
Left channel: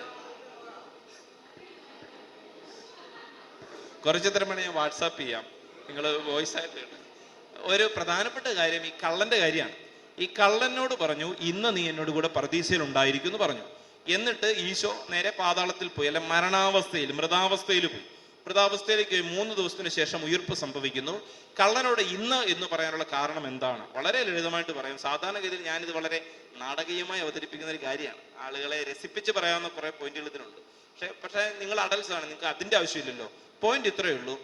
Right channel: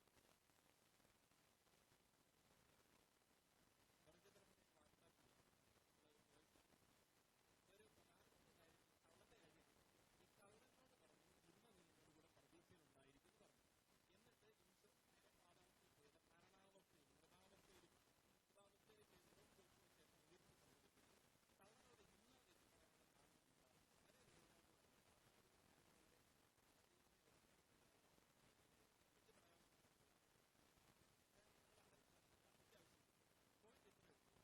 കുറച്ചുത്തരം വേണേ ഞാൻ വാട്സാപ്പ് ചെയ്യാം, നിങ്ങൾ വോയിസ് ആയിട്ട്. ഒരു പ്രധാനപ്പെട്ട കാര്യം ഈ കള്ളന്റെ കാര്യമാണ്. ഈ കള്ളനോട് പറഞ്ഞു, ഇന്ന് നീ എന്നോട് കൂടെ പർദീസയിൽ ഉണ്ടായിരിക്കും എന്ന് പറഞ്ഞു. എന്നിട്ട് ഈശോ നേരെ പാതാളത്തിൽ പോയി, അല്ലെ മരണാവസ്ഥയിൽ, മൃതാവസ്ഥയിൽ പോയി. മൃതാവസ്ഥയിലേക്ക് 3 ദിവസത്തിന് ശേഷം ഉയിർപ്പ് സംഭവിക്കുന്നു. കള്ളനോട് ഇന്ന് എന്ന് പറയാനുള്ള കാരണം എന്താണ്? വളരെ ലളിതമായിട്ട് പറയാം. സാധാരണഗതിയിൽ ഞാനിത് വളരെ നാടകീയമായി അവതരിപ്പിക്കുന്ന ഒരു കാര്യമാണ്. ആളുകളെ രസിപ്പിച്ച് പറയാവുന്ന കുറെ പോയിന്റുകൾ ഇതിനുണ്ട്. പക്ഷേ നിങ്ങൾ അഡൽസ് ആണ്, നിങ്ങൾക്ക് അതിന്റെ ആവശ്യമില്ലല്ലോ. പോയിന്റ് ഇത്രയേ ഉള്ളൂ:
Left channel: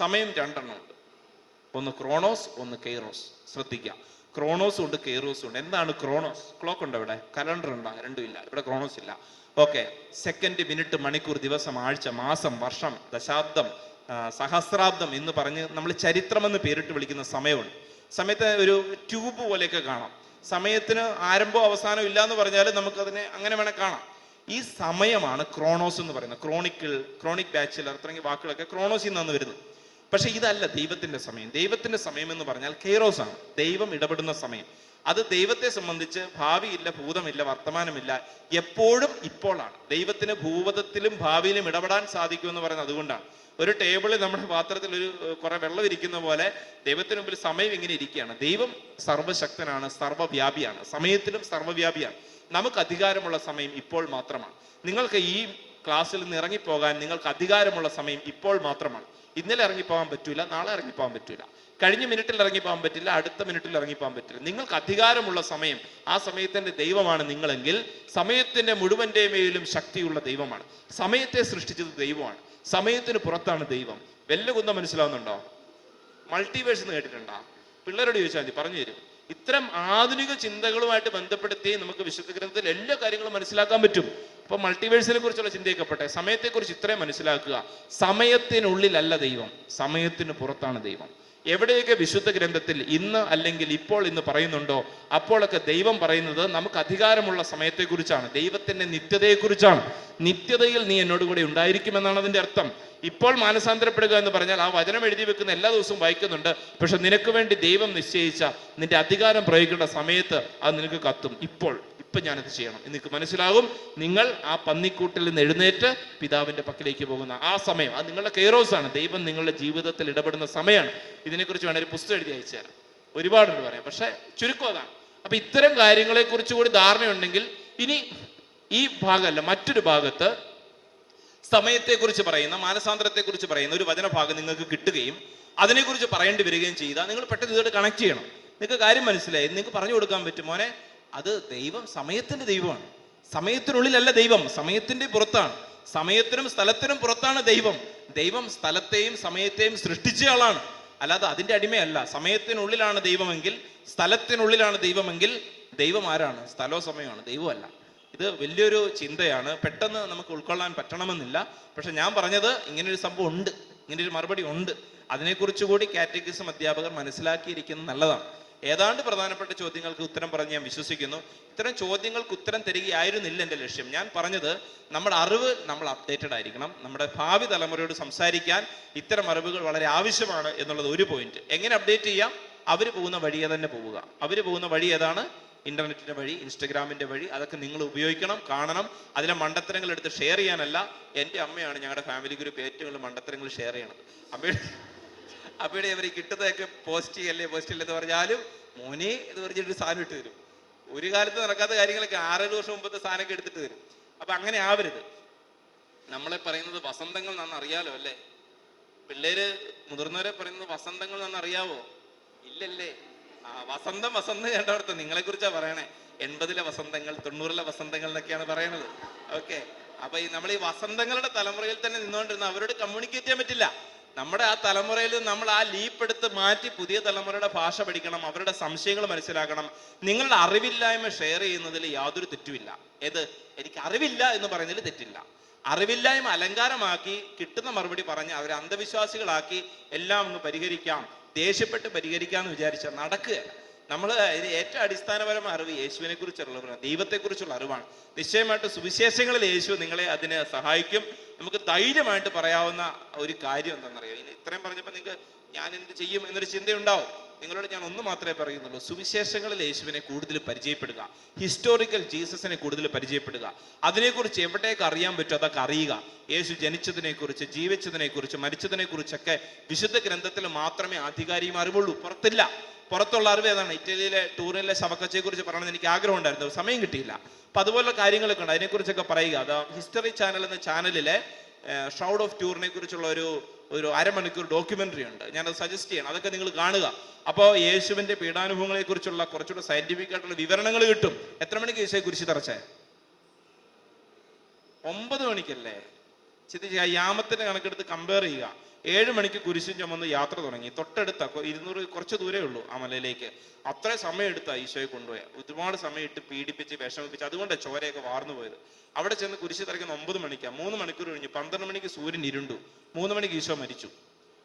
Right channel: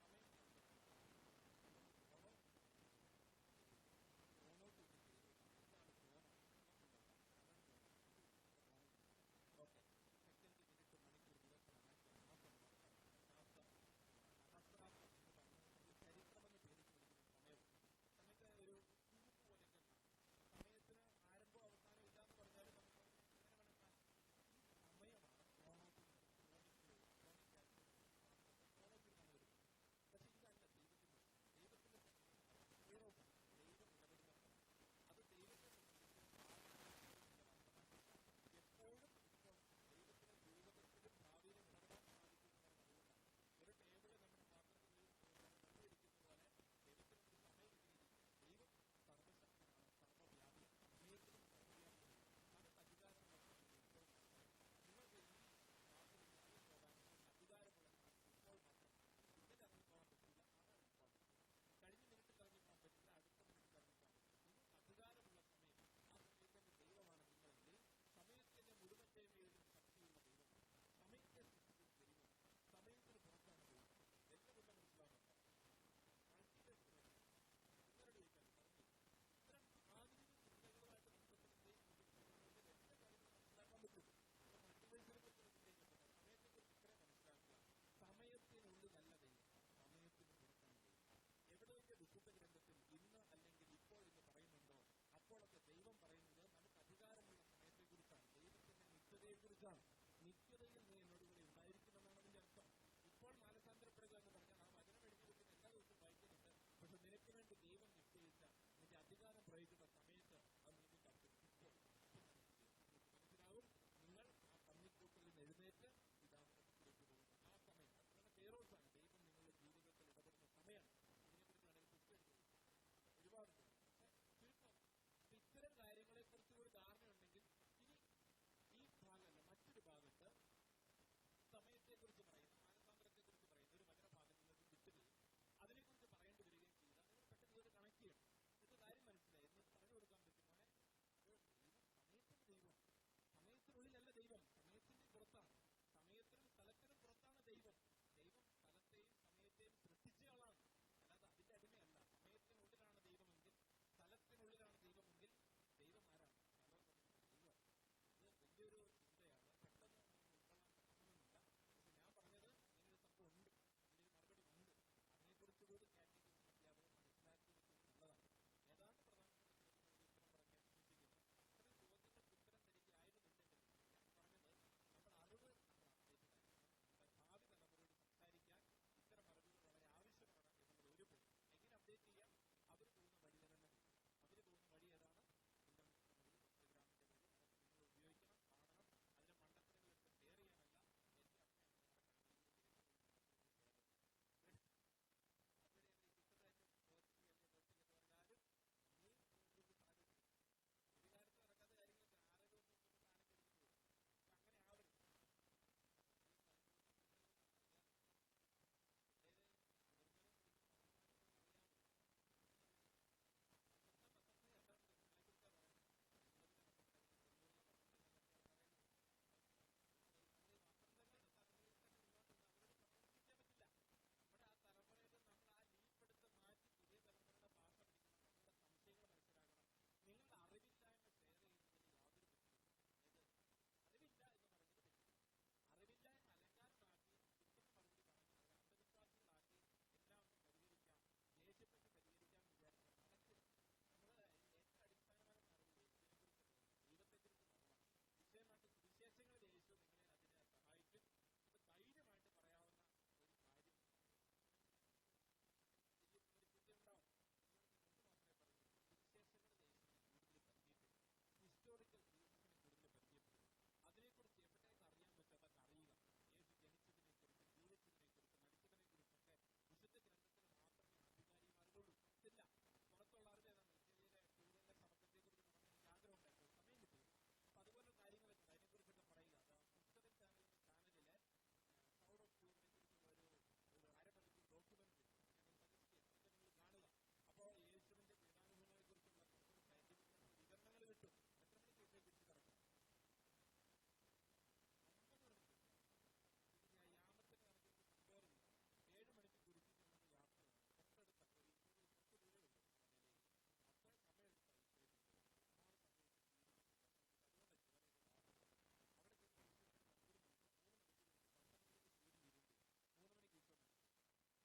സമയം 2 എണ്ണം ഉണ്ട്. ഒന്ന് ക്രോണോസ്, ഒന്ന് കെയ്റോസ്. ശ്രദ്ധിക്കാം, ക്രോണോസും ഉണ്ട്, കെയ്റോസും ഉണ്ട്. എന്താണ് ക്രോണോസ്? ക്ലോക്ക് ഉണ്ട്, ഇവിടെ കലണ്ടർ ഉണ്ടോ? രണ്ടും ഇല്ല. ഇവിടെ ക്രോണോസ് ഇല്ല. ഓക്കെ, സെക്കൻഡ്, മിനിറ്റ്, മണിക്കൂർ, ദിവസം, ആഴ്ച, മാസം, വർഷം, ദശാബ്ദം, സഹസ്രാബ്ദം എന്ന് പറഞ്ഞ് നമ്മൾ ചരിത്രം എന്ന് പേരിട്ട് വിളിക്കുന്ന സമയമുണ്ട്. സമയത്ത് ഒരു ട്യൂബ് പോലെയൊക്കെ കാണാം. സമയത്തിന് ആരംഭവും അവസാനവും ഇല്ല എന്ന് പറഞ്ഞാൽ നമുക്കതിനെ അങ്ങനെ വേണേൽ കാണാം. ഈ സമയമാണ് ക്രോണോസ് എന്ന് പറയുന്നത്. ക്രോണിക് ബാച്ചിലർ തുടങ്ങിയ വാക്കുകളൊക്കെ ക്രോണോസിൽ നിന്നാണ് വരുന്നത്. പക്ഷെ ഇതല്ല ദൈവത്തിന്റെ സമയം. ദൈവത്തിന്റെ സമയം എന്ന് പറഞ്ഞാൽ കെയ്റോസ് ആണ്, ദൈവം ഇടപെടുന്ന സമയം. അത് ദൈവത്തെ സംബന്ധിച്ച് ഭാവിയില്ല, ഭൂതമില്ല, വർത്തമാനമില്ല, എപ്പോഴും ഇപ്പോഴാണ്. ദൈവത്തിന് ഭൂതത്തിലും ഭാവിയിലും ഇടപെടാൻ സാധിക്കും എന്ന് പറയുന്നത് അതുകൊണ്ടാണ്. ഒരു ടേബിളിൽ നമ്മുടെ പാത്രത്തിൽ കുറെ വെള്ളം ഇരിക്കുന്ന പോലെ ദൈവത്തിന് മുമ്പിൽ സമയം ഇങ്ങനെ ഇരിക്കുകയാണ്. ദൈവം സർവശക്തനാണ്, സർവ്വവ്യാപിയാണ്, സമയത്തിലും സർവ്വവ്യാപിയാണ്. നമുക്ക് അധികാരമുള്ള സമയം ഇപ്പോൾ മാത്രമാണ്. നിങ്ങൾക്ക് ഈ ക്ലാസ്സിൽ നിന്ന് ഇറങ്ങിപ്പോകാൻ നിങ്ങൾക്ക് അധികാരമുള്ള സമയം ഇപ്പോൾ മാത്രമാണ്. ഇന്നലെ ഇറങ്ങിപ്പോകാൻ പറ്റൂല, നാളെ ഇറങ്ങിപ്പോകാൻ പറ്റൂല, കഴിഞ്ഞ മിനിറ്റിൽ ഇറങ്ങിപ്പോകാൻ പറ്റില്ല, അടുത്ത മിനിറ്റിൽ ഇറങ്ങിപ്പോകാൻ പറ്റില്ല. നിങ്ങൾക്ക് അധികാരമുള്ള സമയം, ആ സമയത്തിന്റെ ദൈവമാണ് നിങ്ങളെങ്കിൽ സമയത്തിന്റെ മുഴുവന്റെ മേലും ശക്തിയുള്ള ദൈവമാണ്. സമയത്തെ സൃഷ്ടിച്ചത് ദൈവമാണ്, സമയത്തിന് പുറത്താണ് ദൈവം. വല്ല കുന്ത മനസ്സിലാവുന്നുണ്ടോ? മൾട്ടിവേഴ്സ് എന്ന് കേട്ടിട്ടുണ്ടോ? പിള്ളേരോട് ചോദിച്ചാൽ മതി, പറഞ്ഞു തരും. ഇത്തരം ആധുനിക ചിന്തകളുമായിട്ട് ബന്ധപ്പെടുത്തി നമുക്ക് വിശുദ്ധ ഗ്രന്ഥത്തിൽ എല്ലാ കാര്യങ്ങളും മനസ്സിലാക്കാൻ പറ്റും. ഇപ്പൊ മൾട്ടിവേഴ്സിനെ കുറിച്ചുള്ള ചിന്തയൊക്കെപ്പെട്ടെ, സമയത്തെക്കുറിച്ച് ഇത്രയും മനസ്സിലാക്കുക: സമയത്തിനുള്ളിലല്ല ദൈവം, സമയത്തിന് പുറത്താണ് ദൈവം. എവിടെയൊക്കെ വിശുദ്ധ ഗ്രന്ഥത്തിൽ ഇന്ന് അല്ലെങ്കിൽ ഇപ്പോൾ എന്ന് പറയുന്നുണ്ടോ, അപ്പോഴൊക്കെ ദൈവം പറയുന്നത് നമുക്ക് അധികാരമുള്ള സമയത്തെക്കുറിച്ചാണ്, ദൈവത്തിന്റെ നിത്യതയെക്കുറിച്ചാണ്. നിത്യതയിൽ നീ എന്നോട് കൂടെ ഉണ്ടായിരിക്കുമെന്നാണ് അതിന്റെ അർത്ഥം. ഇപ്പോൾ മാനസാന്തരപ്പെടുക എന്ന് പറഞ്ഞാൽ ആ വചനം എഴുതി വെക്കുന്ന എല്ലാ ദിവസവും വായിക്കുന്നുണ്ട്. പക്ഷെ നിനക്ക് വേണ്ടി ദൈവം നിശ്ചയിച്ച നിന്റെ അധികാരം പ്രയോഗിക്കേണ്ട സമയത്ത് അത് നിനക്ക് കത്തും. ഇപ്പം ഞാനത് ചെയ്യണം നിനക്ക് മനസ്സിലാകും. നിങ്ങൾ ആ പന്നിക്കൂട്ടിൽ നിന്ന് എഴുന്നേറ്റ് പിതാവിന്റെ പക്കലേക്ക് പോകുന്ന ആ സമയം, അത് നിങ്ങളുടെ കെയറോസ് ആണ്. ദൈവം നിങ്ങളുടെ ജീവിതത്തിൽ ഇടപെടുന്ന സമയമാണ്. ഇതിനെക്കുറിച്ച് വേണമെങ്കിൽ പുസ്തകം എഴുതി അയച്ചു തരാം. ഒരുപാടുണ്ട് പറയാം, പക്ഷെ ചുരുക്കം അതാണ്. അപ്പൊ ഇത്തരം കാര്യങ്ങളെ കുറിച്ച് കൂടി ധാരണയുണ്ടെങ്കിൽ ഇനി ഈ ഭാഗമല്ല, മറ്റൊരു ഭാഗത്ത് സമയത്തെക്കുറിച്ച് പറയുന്ന, മാനസാന്തരത്തെക്കുറിച്ച് പറയുന്ന ഒരു വചനഭാഗം നിങ്ങൾക്ക് കിട്ടുകയും അതിനെക്കുറിച്ച് പറയേണ്ടി വരികയും ചെയ്താൽ നിങ്ങൾ പെട്ടെന്ന് ഇതോട് കണക്ട് ചെയ്യണം. നിങ്ങൾക്ക് കാര്യം മനസ്സിലായി. നിങ്ങൾക്ക് പറഞ്ഞു കൊടുക്കാൻ പറ്റും, മോനെ അത് ദൈവം സമയത്തിന്റെ ദൈവമാണ്. സമയത്തിനുള്ളിലല്ല ദൈവം, സമയത്തിന്റെ പുറത്താണ്. സമയത്തിനും സ്ഥലത്തിനും പുറത്താണ് ദൈവം. ദൈവം സ്ഥലത്തെയും സമയത്തെയും സൃഷ്ടിച്ച ആളാണ്, അല്ലാതെ അതിന്റെ അടിമയല്ല. സമയത്തിനുള്ളിലാണ് ദൈവമെങ്കിൽ, സ്ഥലത്തിനുള്ളിലാണ് ദൈവമെങ്കിൽ ദൈവം ആരാണ്? സ്ഥലവും സമയമാണ്, ദൈവമല്ല. ഇത് വലിയൊരു ചിന്തയാണ്, പെട്ടെന്ന് നമുക്ക് ഉൾക്കൊള്ളാൻ പറ്റണമെന്നില്ല. പക്ഷെ ഞാൻ പറഞ്ഞത് ഇങ്ങനൊരു സംഭവം ഉണ്ട്, ഇങ്ങനൊരു മറുപടി ഉണ്ട്. അതിനെക്കുറിച്ച് കൂടി കാറ്റഗിസം അധ്യാപകർ മനസ്സിലാക്കിയിരിക്കുന്നത് നല്ലതാണ്. ഏതാണ്ട് പ്രധാനപ്പെട്ട ചോദ്യങ്ങൾക്ക് ഉത്തരം പറഞ്ഞ് ഞാൻ വിശ്വസിക്കുന്നു. ഇത്തരം ചോദ്യങ്ങൾക്ക് ഉത്തരം തരികയായിരുന്നില്ല എൻ്റെ ലക്ഷ്യം. ഞാൻ പറഞ്ഞത് നമ്മുടെ അറിവ് നമ്മൾ അപ്ഡേറ്റഡ് ആയിരിക്കണം. നമ്മുടെ ഭാവി തലമുറയോട് സംസാരിക്കാൻ ഇത്തരം അറിവുകൾ വളരെ ആവശ്യമാണ് എന്നുള്ളത് ഒരു പോയിന്റ്. എങ്ങനെ അപ്ഡേറ്റ് ചെയ്യാം? അവർ പോകുന്ന വഴിയെ തന്നെ പോവുക. അവർ പോകുന്ന വഴി ഏതാണ്? ഇന്റർനെറ്റിന്റെ വഴി, ഇൻസ്റ്റഗ്രാമിന്റെ വഴി. അതൊക്കെ നിങ്ങൾ ഉപയോഗിക്കണം, കാണണം. അതിലെ മണ്ടത്തരങ്ങൾ എടുത്ത് ഷെയർ ചെയ്യാനല്ല. എൻ്റെ അമ്മയാണ് ഞങ്ങളുടെ ഫാമിലി ഗ്രൂപ്പ് ഏറ്റവും കൂടുതൽ മണ്ടത്തരങ്ങൾ ഷെയർ ചെയ്യണത്. അമ്മയുടെ അവർ കിട്ടുന്നതൊക്കെ പോസ്റ്റ് ചെയ്യല്ലെന്ന് പറഞ്ഞാലും മോനെ എന്ന് പറഞ്ഞിട്ട് സാധനം ഇട്ട് തരും. ഒരു കാലത്ത് നടക്കാത്ത കാര്യങ്ങളൊക്കെ 6-7 വർഷം മുമ്പത്തെ സാധനമൊക്കെ എടുത്തിട്ട് തരും. അപ്പൊ അങ്ങനെ ആവരുത്. നമ്മളെ പറയുന്നത് വസന്തങ്ങൾ എന്നാണ്, അറിയാലോ അല്ലേ? പിള്ളേര് മുതിർന്നവരെ പറയുന്നത് വസന്തങ്ങൾ എന്നാണ്, അറിയാവോ? ഇല്ലല്ലേ? വസന്തം കണ്ടവർത്ത് നിങ്ങളെ കുറിച്ചാ പറയണേ. 80-ലെ വസന്തങ്ങൾ, 90-ലെ വസന്തങ്ങൾ എന്നൊക്കെയാണ് പറയണത്. ഓക്കെ, അപ്പൊ നമ്മൾ ഈ വസന്തങ്ങളുടെ തലമുറയിൽ തന്നെ നിന്നുകൊണ്ടിരുന്ന അവരോട് കമ്മ്യൂണിക്കേറ്റ് ചെയ്യാൻ പറ്റില്ല. നമ്മുടെ ആ തലമുറയിൽ നമ്മൾ ആ ലീപ്പ് എടുത്ത് മാറ്റി പുതിയ തലമുറയുടെ ഭാഷ പഠിക്കണം, അവരുടെ സംശയങ്ങൾ മനസ്സിലാക്കണം. നിങ്ങളുടെ അറിവില്ലായ്മ ഷെയർ ചെയ്യുന്നതിൽ യാതൊരു തെറ്റുമില്ല. എനിക്ക് അറിവില്ല എന്ന് പറയുന്നതിൽ തെറ്റില്ല. അറിവില്ലായ്മ അലങ്കാരമാക്കി കിട്ടുന്ന മറുപടി പറഞ്ഞ് അവരെ അന്ധവിശ്വാസികളാക്കി എല്ലാം ഒന്ന് പരിഹരിക്കാം, ദേഷ്യപ്പെട്ട് പരിഹരിക്കാന്ന് വിചാരിച്ചാൽ നടക്കുകയല്ല. നമ്മൾ ഏറ്റവും അടിസ്ഥാനപരമായ അറിവ് യേശുവിനെ കുറിച്ചുള്ള, ദൈവത്തെക്കുറിച്ചുള്ള അറിവാണ്. നിശ്ചയമായിട്ട് സുവിശേഷങ്ങളിൽ യേശു നിങ്ങളെ അതിന് സഹായിക്കും. നമുക്ക് ധൈര്യമായിട്ട് പറയാവുന്ന ഒരു കാര്യം എന്താണെന്നറിയാം. ഇത്രയും പറഞ്ഞപ്പോൾ നിങ്ങൾക്ക് ഞാൻ എന്ത് ചെയ്യും എന്നൊരു ചിന്തയുണ്ടാവും. നിങ്ങളോട് ഞാൻ ഒന്ന് മാത്രമേ പറയുന്നുള്ളൂ, സുവിശേഷങ്ങളിൽ യേശുവിനെ കൂടുതൽ പരിചയപ്പെടുക, ഹിസ്റ്റോറിക്കൽ ജീസസിനെ കൂടുതൽ പരിചയപ്പെടുക. അതിനെക്കുറിച്ച് എവിടേക്ക് അറിയാൻ പറ്റുമോ അതൊക്കെ അറിയുക. യേശു ജനിച്ചതിനെ കുറിച്ച്, ജീവിച്ചതിനെ കുറിച്ച്, മരിച്ചതിനെ കുറിച്ചൊക്കെ വിശുദ്ധ ഗ്രന്ഥത്തിൽ മാത്രമേ ആധികാരികം അറിവുള്ളൂ, പുറത്തില്ല. പുറത്തുള്ള അറിവ് ഏതാണ്? ഇറ്റലിയിലെ ടൂറിലെ ശവക്കച്ചയെ കുറിച്ച് പറയണമെന്ന് എനിക്ക് ആഗ്രഹം ഉണ്ടായിരുന്നു, സമയം കിട്ടിയില്ല. അപ്പൊ അതുപോലുള്ള കാര്യങ്ങളൊക്കെ ഉണ്ട്, അതിനെക്കുറിച്ചൊക്കെ പറയുക. അത് ഹിസ്റ്ററി ചാനൽ എന്ന ചാനലിലെ ഷൗഡ് ഓഫ് ടൂറിനെ കുറിച്ചുള്ള ഒരു അരമണിക്കൂർ ഡോക്യുമെന്ററി ഉണ്ട്, ഞാനത് സജസ്റ്റ് ചെയ്യണം. അതൊക്കെ നിങ്ങൾ കാണുക. അപ്പോൾ യേശുവിന്റെ പീഡാനുഭവങ്ങളെ കുറിച്ചുള്ള കുറച്ചുകൂടെ സയന്റിഫിക് ആയിട്ടുള്ള വിവരണങ്ങൾ കിട്ടും. എത്ര മണിക്ക് യേശുവെ കുരിശി തറച്ചേ? 9 മണിക്കല്ലേ? ചിന്തിച്ച് യാമത്തിന്റെ കണക്കെടുത്ത് കമ്പയർ ചെയ്യുക. 7 മണിക്ക് കുരിശും ചുമന്ന് യാത്ര തുടങ്ങി. തൊട്ടടുത്ത 200 കുറച്ച് ദൂരേ ഉള്ളൂ ആ മലയിലേക്ക്. അത്ര സമയം എടുത്താ ഈശോയെ കൊണ്ടുപോയ. ഒരുപാട് സമയം ഇട്ട് പീഡിപ്പിച്ച് വിഷമിപ്പിച്ച്, അതുകൊണ്ട് ചോരയൊക്കെ വാർന്നു പോയത്. അവിടെ ചെന്ന് കുരിശ് തറയ്ക്കുന്ന 9 മണിക്കാണ്. 3 മണിക്കൂർ കഴിഞ്ഞു. 12 മണിക്ക് സൂര്യൻ ഇരുണ്ടു. 3 മണിക്ക് ഈശോ മരിച്ചു.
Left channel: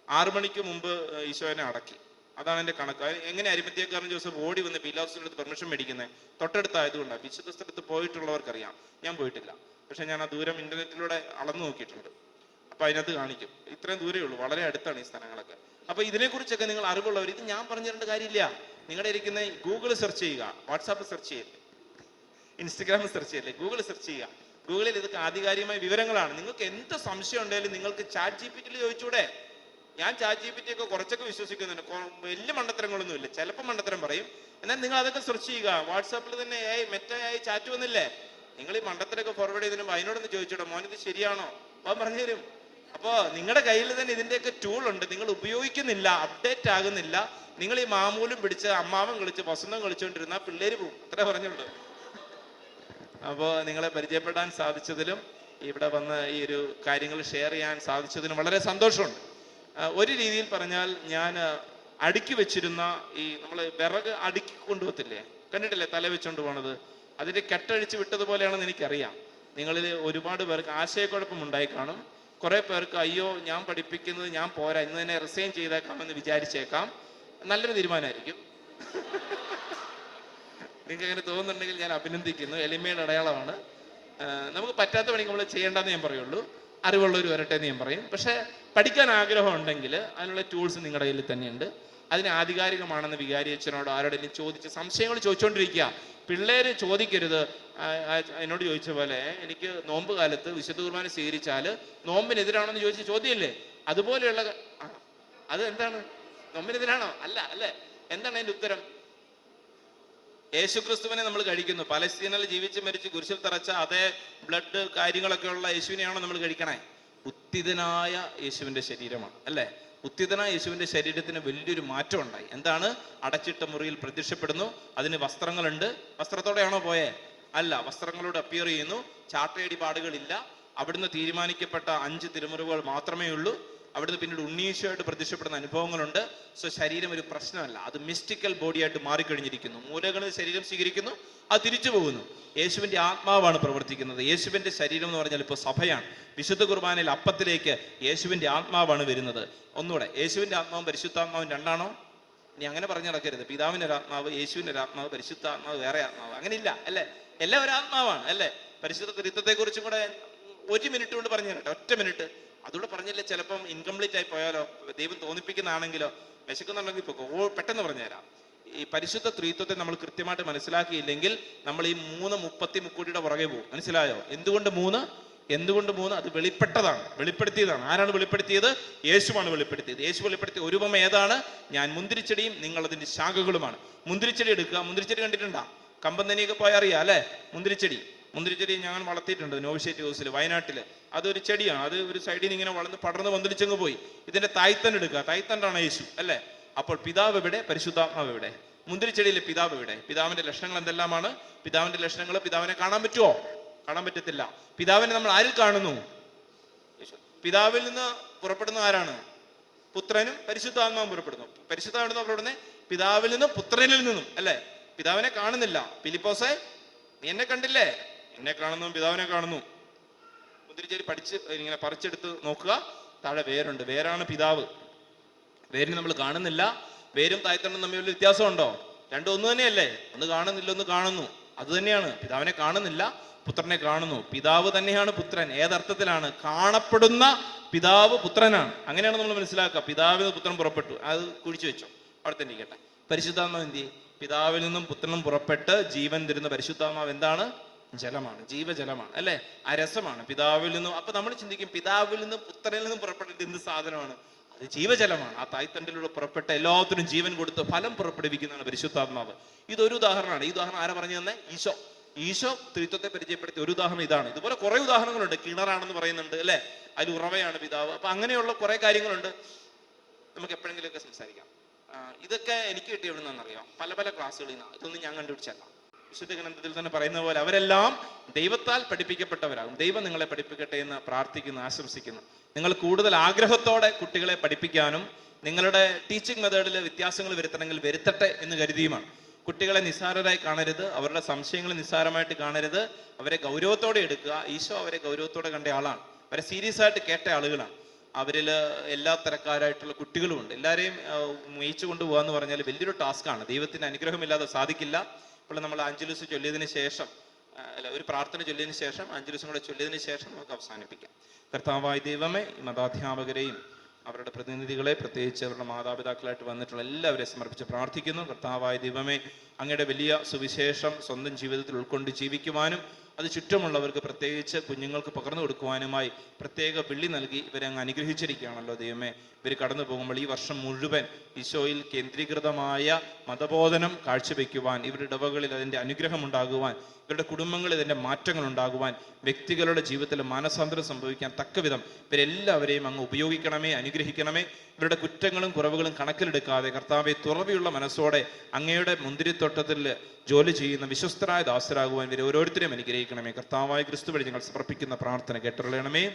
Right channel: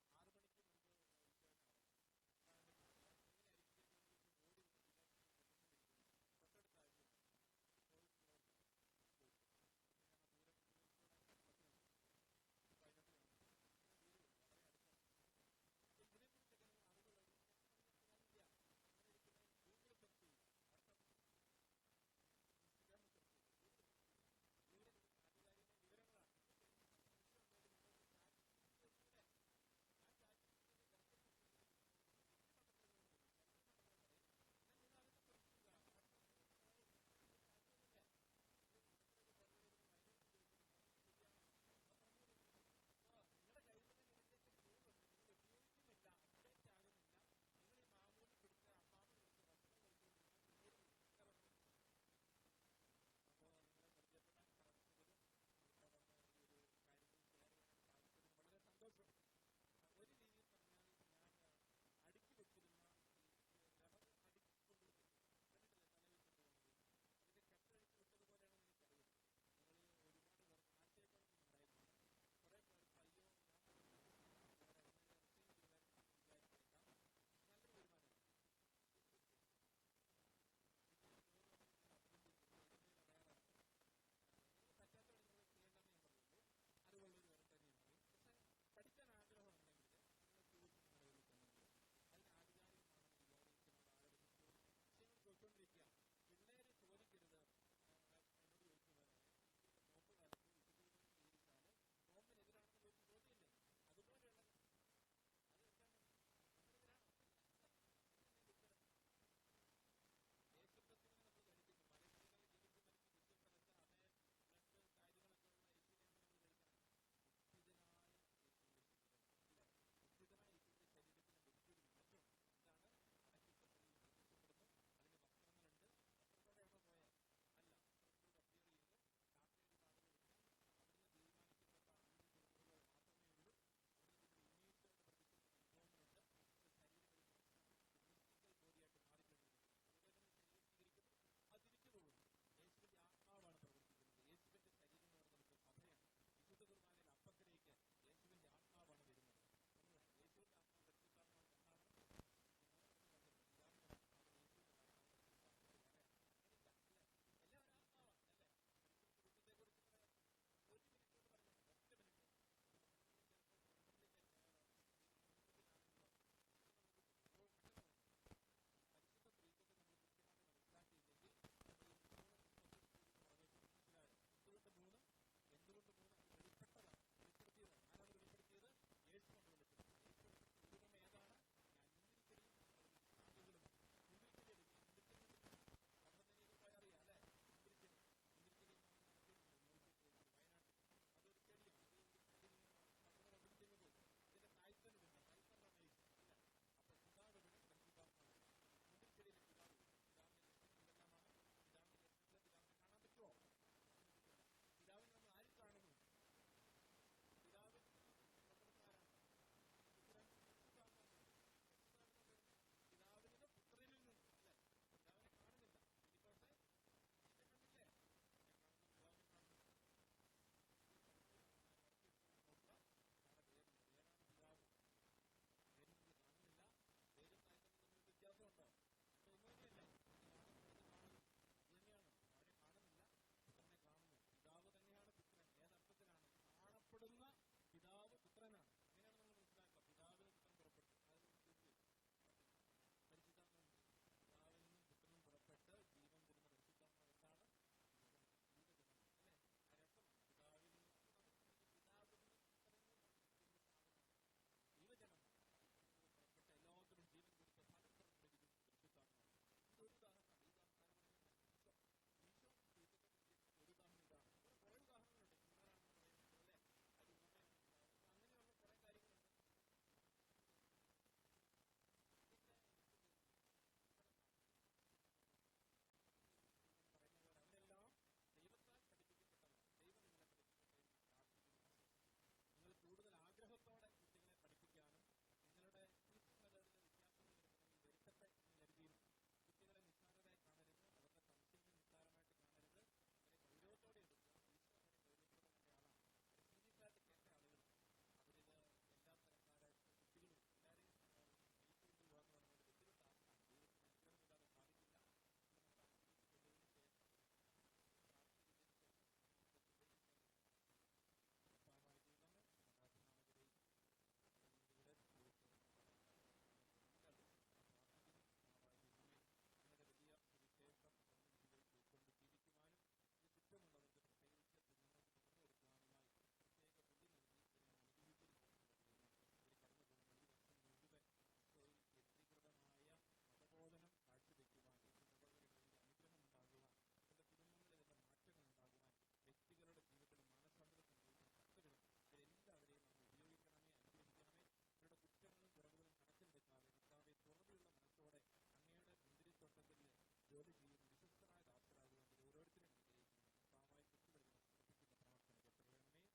6 മണിക്ക് മുമ്പ് ഈശോനെ അടക്കി. അതാണ് എൻ്റെ കണക്ക്. എങ്ങനെ അരിമത്ഥ്യക്കാരൻ ജോസഫ് ഓടി വന്ന് പീലാത്തോസിന്റെ അടുത്ത് പെർമിഷൻ മേടിക്കുന്നത്? തൊട്ടടുത്തായതുകൊണ്ടാണ്. വിശുദ്ധ സ്ഥലത്ത് പോയിട്ടുള്ളവർക്കറിയാം, ഞാൻ പോയിട്ടില്ല. പക്ഷെ ഞാൻ ആ ദൂരം ഇന്റർനെറ്റിലൂടെ അളന്നു നോക്കിയിട്ടുണ്ട്. അപ്പൊ അതിനകത്ത് കാണിക്കും. ഇത്രയും ദൂരേ ഉള്ളൂ, വളരെ അടുത്താണ് ഈ സ്ഥലങ്ങളൊക്കെ. അപ്പൊ ഇതിനെക്കുറിച്ചൊക്കെ നിങ്ങൾ അറിവുള്ളവർ, ഇത് ഞാൻ പറഞ്ഞു തരേണ്ട കാര്യമില്ല. നിങ്ങളുടെ ഇരിക്കുന്ന ഗൂഗിൾ സെർച്ച് ചെയ്യുക, വാട്സാപ്പ് സെർച്ച് ചെയ്യല്ലേ, ഇൻസ്റ്റഗ്രാമിൽ സെർച്ച് ചെയ്യല്ലേ, ഗൂഗിൾ സെർച്ച് ചെയ്യുക. ഗൂഗിളിൽ ഇതൊക്കെ ആധികാരികമായ വിവരങ്ങളാണ്. നിങ്ങൾക്ക് എന്ത് സംശയം ഉണ്ടെങ്കിലും നിങ്ങൾക്ക് ചാറ്റ് GPT ചോദിച്ചൂടെ? ഞാൻ ചാറ്റ് GPT ഒക്കെ കുറച്ചൊക്കെ വിശ്വസിക്കുന്നുണ്ട്. വലിയ മണ്ടത്തരങ്ങളൊന്നും ഇല്ല, ചിലപ്പോൾ മണ്ടത്തരം പറയും. എന്നാൽ നിങ്ങൾ അതൊക്കെ സെർച്ച് ചെയ്യുക. വാട്സാപ്പിൽ തന്നെ മെറ്റായി ചാറ്റ് വന്നില്ലേ? നിങ്ങൾ ഈ മണ്ടത്തരൊക്കെ ഫോർവേഡ് ചെയ്തിരുമ്പോൾ അതിനോടൊന്ന് ചോദിച്ചോട്ടെ, മോനിത് ശരിയാണോ? അവൻ പറഞ്ഞു തരും. അപ്പോൾ നിങ്ങളുടെ കയ്യിൽ തന്നെ ഇതിൻ്റെയൊക്കെ ടൂൾ ഉണ്ട്, നിങ്ങൾ ഉപയോഗിക്കുന്നില്ല, അപ്ഡേറ്റ് ആകുന്നില്ല. നിങ്ങൾ ഈ മാമൂലും പിടിച്ച് അമ്മാവൻ കളിച്ച് വസന്തം കളിച്ചുകൊണ്ടിരുന്ന പിള്ളേര് പോകും. അത്രേ പറഞ്ഞുള്ളൂ. അപ്പോൾ നിങ്ങളെ പരിചയപ്പെടാൻ സാധിച്ചതിലും ഇവിടെ വന്ന് ഈ ഒരു കാര്യങ്ങൾ ഷെയർ ചെയ്യാൻ സാധിച്ചതിനും വളരെ സന്തോഷമുണ്ട്. ഒരു രീതിയിൽ പറഞ്ഞാൽ ഞാൻ അടുക്കി വെച്ചിരുന്ന ഈ നമ്മൾ വിറക് അടുക്കി കൊണ്ടുപോകത്തില്ലേ, കണ്ടിട്ടില്ലേ തല വെച്ചുകൊണ്ട് പോണത്, അതിൻ്റെ കെട്ടഴിച്ച് വിട്ടതുപോലെയാണെന്ന് എനിക്കറിയാം. നിങ്ങളിൽ ഒരുപാട് പേർക്ക് ആശയക്കുഴപ്പം ഉണ്ടായി കാണും. കുറെ പേർക്ക് അയ്യോ ഞാൻ പഠിപ്പിക്കുന്നത് ഞാൻ പോരാ, ഇന്ന് തന്നെ റിസൈൻ ചെയ്തേക്കാമെന്ന് വിചാരിച്ചേക്കാം. നല്ലൊരു തീരുമാനമായിരിക്കും. നിങ്ങൾക്ക് അങ്ങനെ തോന്നുന്നുണ്ടെങ്കിൽ ഞാൻ അഭിനന്ദിക്കുന്നു. എളിമയുടെ അടയാളമാണ്. നമുക്ക് പറ്റാത്ത പണി നമ്മൾ ചെയ്യേണ്ടെന്ന് ഞാൻ പറയുള്ളൂ. അറിവുള്ളവർ വരട്ടെ എന്ന് ഞാൻ പറയും. പക്ഷെ പഠിക്കാൻ ആഗ്രഹം ഉണ്ടെങ്കിൽ അതിനുള്ള ടൂൾസ് നിങ്ങളുടെ കയ്യിൽ തന്നെയുണ്ട്. അതിന് ആധികാരികമാണെന്ന് വികാരി അച്ഛനോട് ആരോടെങ്കിലും ചോദിച്ച് സംശയങ്ങൾ ചോദിച്ചുകൊണ്ടിരിക്കുക. പിള്ളേര് ചോദിക്കരുത്. എന്നോട് ചോദിച്ച പോലെ എനിക്ക് നോമ്പ് കാലത്ത് വിശുദ്ധ കുർബാന സ്വീകരിച്ചാൽ നോമ്പിനെതിരാണോന്ന് ചോദിച്ച ചോദ്യമല്ലേ? അതുപോലെയുള്ള അത് എന്താണ്? നോമ്പിനെതിരാണോ? അല്ല അല്ലേ? എന്താണ് അതിന്റെ ഉത്തരം? യേശുക്രിസ്തുവിനെ നമ്മൾ കഴിക്കുന്നു. പലസ്തീനിൽ ജീവിച്ച് മരിച്ച് കുരിശിൽ തറച്ച അതേ ബ്ലഡ് കാര്യങ്ങളൊക്കെ ഉള്ള യേശുവിനെയാണോ നമ്മൾ കഴിക്കണേ? ഉത്തിതനായ യേശുവിന്റെ ശരീരമാണ് അല്ലേ? ഉത്തിതനായ യേശുവിന്റെ ശരീരത്തിന് വലിയൊരു മാറ്റം ഉണ്ടായി. എന്താണ്? അടച്ചിട്ട മുറിയിൽ പ്രത്യക്ഷപ്പെടുന്നു. അതിന് വസ്ത്രങ്ങളുണ്ട്. വസ്ത്രത്തോടെയാണോ പോയേ? അല്ല, വസ്ത്രങ്ങളോട് അപ്പിയർ ചെയ്യുന്നു. ചാട്ടയടി പാടുകളില്ല. അവിടുന്ന് തീരുമാനിക്കപ്പെട്ട 5 തിരുമുറിവുകൾ മാത്രമേ ഉള്ളൂ. അവിടുന്ന് പിന്നീട് ഉണ്ണീശോയായിട്ട് പ്രത്യക്ഷപ്പെടുന്ന അനുഭവങ്ങളുണ്ട്. സോ ശരീരം ഒരു പ്രശ്നമല്ല, അത് മിസ്റ്റിക്കൽ ബോഡിയായിട്ട് മാറിക്കഴിഞ്ഞിരിക്കുന്നു. മൂലകളിൽ ശരീരം സ്വീകരിക്കുന്നു, അത് തിരിച്ചു പോകുന്നു. യേശുവിന്റെ ആത്മാവാണ് പ്രവർത്തിക്കുന്നത്. യേശുവിന്റെ ശരീരം എന്ന് പറഞ്ഞാൽ ഇപ്പോൾ സഭയാണ്. വിശുദ്ധ കുർബാനയിൽ അപ്പത്തിലേക്ക് യേശുവിന്റെ ആത്മാവാണ് വരുന്നത്. ഒന്നുകൂടെ, യേശുവിന്റെ ആത്മാവും പരിശുദ്ധാത്മാവും രണ്ടാണോ? ഇനി അങ്ങനെ പറഞ്ഞു നടക്കരുത്. പിതാവിന്റെ ഒരു ആത്മാവ്, യേശുവിന്റെ ഒരു ആത്മാവ്, പരിശുദ്ധാത്മാവ് വേറെ ആത്മാവ്, അങ്ങനെ ഇല്ല അല്ലേ? എല്ലാം ഒരു ആത്മാവാണ് അല്ലേ? പരിശുദ്ധ ത്രിത്വത്തെ കുറിച്ചും കൂടെ 1 മിനിറ്റ് കൊണ്ട് പറഞ്ഞു തരട്ടെ. 1 മിനിറ്റ് അതുകൂടെ പറഞ്ഞില്ലേ ചിലപ്പം ഇൻകംപ്ലീറ്റ് ആയി പോയാലോ, ദൈവം തോന്നിപ്പിക്കുന്നതാണെങ്കിലോ. വിശക്കുന്നുണ്ടെങ്കിൽ ഇപ്പോൾ പെട്ടെന്ന് പറഞ്ഞുതരാം. ഈ പരിശുദ്ധ ത്രിത്വത്തെ നമ്മൾ കൃത്യമായിട്ട് മനസ്സിലാക്കിയില്ലെങ്കിൽ നമ്മൾ ഈ 3 മുക്കോടിയുടെ പുറകെ പോകും. മനസ്സിലായോ? എന്തുകൊണ്ട് 3? അത് വെളിപ്പെടുത്തിയതാണ്. ആരാണ് വെളിപ്പെടുത്തിയത്? യേശുവാണ് വെളിപ്പെടുത്തിയത്. യേശു വെളിപ്പെടുത്തിയ ഒരു ഉപമ ഏതാണ്? ഞാൻ മുന്തിരിച്ചെടിയും നിങ്ങൾ അതിന്റെ ശാഖകളുമാണ്. മുന്തിരിച്ചെടി എടുക്കുക. മുന്തിരിച്ചെടി കണ്ടിട്ടുണ്ടാ? കമ്പന്തനിയൊക്കെ പോയാൽ അറിയാം അല്ലെ? മുന്തിരിച്ചെടി ഞങ്ങൾ വളർത്തിയിട്ടുണ്ട് നോവിഷേറ്റ് ഹൗസിൽ, വയനാട്ടില്. അതൊരു ചെടിയാണ്. അത് ഒരു സൈഡിൽ നിന്ന് ഇങ്ങനെ വളർന്ന് പടർന്ന് പന്തലിച്ചങ്ങ് പോയി. ഇതിന്റെ തായ്തണ്ട് എടുക്കുക. തായ്തണ്ടാണ് യേശു അല്ലെ? അപ്പോൾ പിതാവ് എവിടെ? പരിശുദ്ധാത്മാവ് എവിടെ? മുന്തിരിച്ചെടിയിലെ പിതാവ് എവിടെ? പിതാവിന്റെ ലക്ഷണങ്ങൾ എന്തെല്ലാമാണ്? പിതാവിന്റെ ലക്ഷണങ്ങൾ പിതാവിനെ കാണാൻ പറ്റുമോ? കാണാൻ പറ്റത്തില്ല. പിതാവിനെ നമ്മൾ ആരിൽ കാണുന്നു? പിതാവിൽ നിന്ന് പുറപ്പെടുന്ന ആരാണ്? പുത്രനും പരിശുദ്ധാത്മാവും പുറപ്പെടുന്നു. പരിശുദ്ധാത്മാവ് പുറപ്പെടുന്നത് പിതാവിൽ നിന്നും പുത്രനിൽ നിന്നും അല്ലെ? പിതാവിനെ കാണുന്നില്ല. ഫിലിപ്പോസേ, നീ എന്നെ കണ്ടില്ലേ? എന്നെ കാണുന്നു, പിതാവിനെ കാണുന്നു. മുന്തിരിച്ചെടി ഇങ്ങനെ പറിച്ചെടുത്ത് നോക്കുക. താഴെ വേരുണ്ട്. വേരാണ് പിതാവ്. വേരിനെ നമ്മൾ കാണുന്നില്ല. വേരും തായ്തണ്ടും തമ്മിൽ വ്യത്യാസമുണ്ടോ? രണ്ടും ഒന്ന് തന്നെയല്ലേ? ഒന്ന് കാണുന്നില്ല, ഒന്ന് കാണുന്നു. അത് തന്നെയാണ്. പിതാവിനെ കാണുന്നില്ല, പുത്രനെ കാണുന്നു. പിതാവ് തന്നെയാണ് പുത്രൻ. ഏതർത്ഥത്തിലാണ്? കാണപ്പെടുന്ന പിതാവ് പുത്രനാണ്. അങ്ങനെയാണ് നമ്മൾ മനസ്സിലാക്കുക. പിതാവിൽ നിന്ന് പുത്രൻ പുറപ്പെട്ടു. അത് കുഴിച്ചു വെച്ചോ, അവിടെ തന്നെ ഇരിക്കട്ടെ. പരിശുദ്ധാത്മാവ് എന്ത് ചെയ്യും? പിതാവിൽ നിന്നും പുത്രനും പുറപ്പെട്ട് ജീവൻ തരുന്ന പരിശുദ്ധാത്മാവ് എന്താണ്? ജലമാണ്, ജീവജലമാണ് അല്ലെ? ആ രസമാണ് പിതാവിൽ നിന്നും. അപ്പൊ നമ്മൾ ചിന്തിക്കും, പിതാവിൽ നിന്നും പുത്രനിൽ നിന്നും പുറപ്പെട്ടിട്ട് എന്ത് സാധനമാണ്? അത് ജീവജലമാണ്. ആ തായ്തണ്ടിലൂടെ പുറപ്പെട്ട എല്ലാത്തിനും ജീവൻ കൊടുത്ത് ഫലം പുറപ്പെടുവിക്കുന്നതാണ് പരിശുദ്ധാത്മാവ്. ഇതൊരു ഉദാഹരണമാണ്. ഈ ഉദാഹരണം ആരാ പറഞ്ഞു തന്നെ? ഈശോ ത്രിത്വത്തെ പരിചയപ്പെടുത്തിയ ഒരു ഉദാഹരണം ഇതാണ്. ഇതുപോലെ കുറെ ഉദാഹരണങ്ങളുണ്ട്. കിണറാണെന്ന് പറയുന്നുണ്ട് അല്ലെ? അതിൽ ഉറവയാണ് പിതാവ്. അപ്പൊ അങ്ങനെയുള്ള കുറെ കാര്യങ്ങളുണ്ട്. നമുക്ക് എപ്പോഴെങ്കിലുമൊക്കെ സംസാരിക്കാം. ഇതൊക്കെ എനിക്ക് കിട്ടിയ എവിടെ നിന്നറിയാം? പല ക്ലാസ്സുകളിൽ നിന്ന്. ഇതൊന്നും ഞാൻ കണ്ടുപിടിച്ചല്ല. വിശുദ്ധ ഗ്രന്ഥത്തിൽ തന്നെ പറയുന്ന പോലെ അവരെല്ലാം ദൈവത്താൽ പഠിപ്പിക്കപ്പെട്ടവരാകും. ദൈവം നിങ്ങളെ പഠിപ്പിക്കട്ടെ എന്ന് പ്രാർത്ഥിക്കുന്നു, ആശംസിക്കുന്നു. നിങ്ങൾ കൂടുതൽ ആഗ്രഹത്തോടെ കുട്ടികളെ പഠിപ്പിക്കാനും നിങ്ങളുടെ ടീച്ചിങ് മെത്തേഡിൽ വ്യത്യാസങ്ങൾ വരുത്തണമെങ്കിൽ വരുത്തട്ടെ എന്ന് കരുതിയുമാണ്. കുട്ടികളെ നിസ്സാരരായി കാണരുത്. അവരുടെ സംശയങ്ങൾ നിസ്സാരമായിട്ട് കാണരുത്. അവരെ ഗൗരവത്തോടെ എടുക്കുക. ഈശോ അവരെ ഗൗരവത്തോടെ കണ്ട ആളാണ്. അവരെ സീരിയസ് ആയിട്ട് കേട്ട ആളുകളാണ്. അവരിൽ എല്ലാ തരക്കാരായിട്ടുള്ള കുട്ടികളുമുണ്ട്. എല്ലാവരെയും മേയിച്ചു കൊണ്ടുപോകുക എന്ന് പറഞ്ഞാൽ വലിയൊരു ടാസ്ക്കാണ്. ദൈവത്തിന് അനുഗ്രഹമില്ലാതെ സാധിക്കില്ല. ഇപ്പോൾ നമ്മൾ ആഞ്ചലൂസ് ചൊല്ലിയതിന് ശേഷം, ഒരു പ്രാർത്ഥന ചൊല്ലിയതിന് ശേഷം, ആഞ്ചലൂസും കൂടെ ചൊല്ലിയതിന് ശേഷം നമുക്ക് അവസാനിപ്പിക്കാം. കർത്താവായ ദൈവമേ, ഈ മതാധ്യാപകരെയും അവരുടെ പ്രതിനിധികളെ, പ്രത്യേകിച്ച് അവരുടെ മാതാപിതാക്കളായിട്ട് വന്നിട്ടുള്ള എല്ലാവരെയും സമർപ്പിച്ച് പ്രാർത്ഥിക്കുന്നു. കർത്താവായ ദൈവമേ, അങ്ങയുടെ വലിയ സുവിശേഷം സ്വന്തം ജീവിതത്തിൽ ഉൾക്കൊണ്ട് ജീവിക്കുവാനും അത് ചുറ്റുമുള്ളവർക്ക്, പ്രത്യേകിച്ച് കുഞ്ഞുങ്ങൾക്ക് പകർന്നു കൊടുക്കുവാനുമായി പ്രത്യേക വിളി നൽകി ഇവരെ അങ്ങ് അനുഗ്രഹിച്ചിരിക്കുകയാണല്ലോ ദൈവമേ. ഇവർ കടന്നു പോകുമ്പോൾ ഈ വർഷം മുഴുവൻ ഈശോയിൽ കേന്ദ്രീകൃതമായ മതബോധനം കാഴ്ചവെക്കുവാൻ, ഇവരുടെ ഇടവകളിൽ അതിൻ്റെ അനുഗ്രഹം ഉണ്ടാകുവാൻ, ഇവരുടെ കുടുംബങ്ങളിൽ ഇതിൻ്റെ മാറ്റങ്ങൾ ഉണ്ടാകുവാൻ, വ്യക്തികളുടെ ജീവിതത്തിൽ മാനസാന്തരം സംഭവിക്കാൻ തക്കവിധം ഇവരെല്ലാവരെയും അങ്ങ് ഉപയോഗിക്കണമേ, അനുഗ്രഹിക്കണമേ. ഇവരുടെ കുറ്റങ്ങളും കുറവുകളും കണക്കിലെടുക്കാതെ കർത്താവെ തുറവിയുള്ള മനസ്സോടെ അങ്ങയുടെ മുന്തിരിത്തോട്ടത്തിൽ ജോലി ചെയ്യുന്ന വിശ്വസ്തരായ ദാസരാകുവാൻ ഇവരെ ഓരോരുത്തരെയും അനുഗ്രഹിക്കണമേ. കർത്താവായ ക്രിസ്തു വഴി ഞങ്ങൾ സമർപ്പിക്കുന്ന പ്രാർത്ഥന കേട്ടുള്ളണമേ.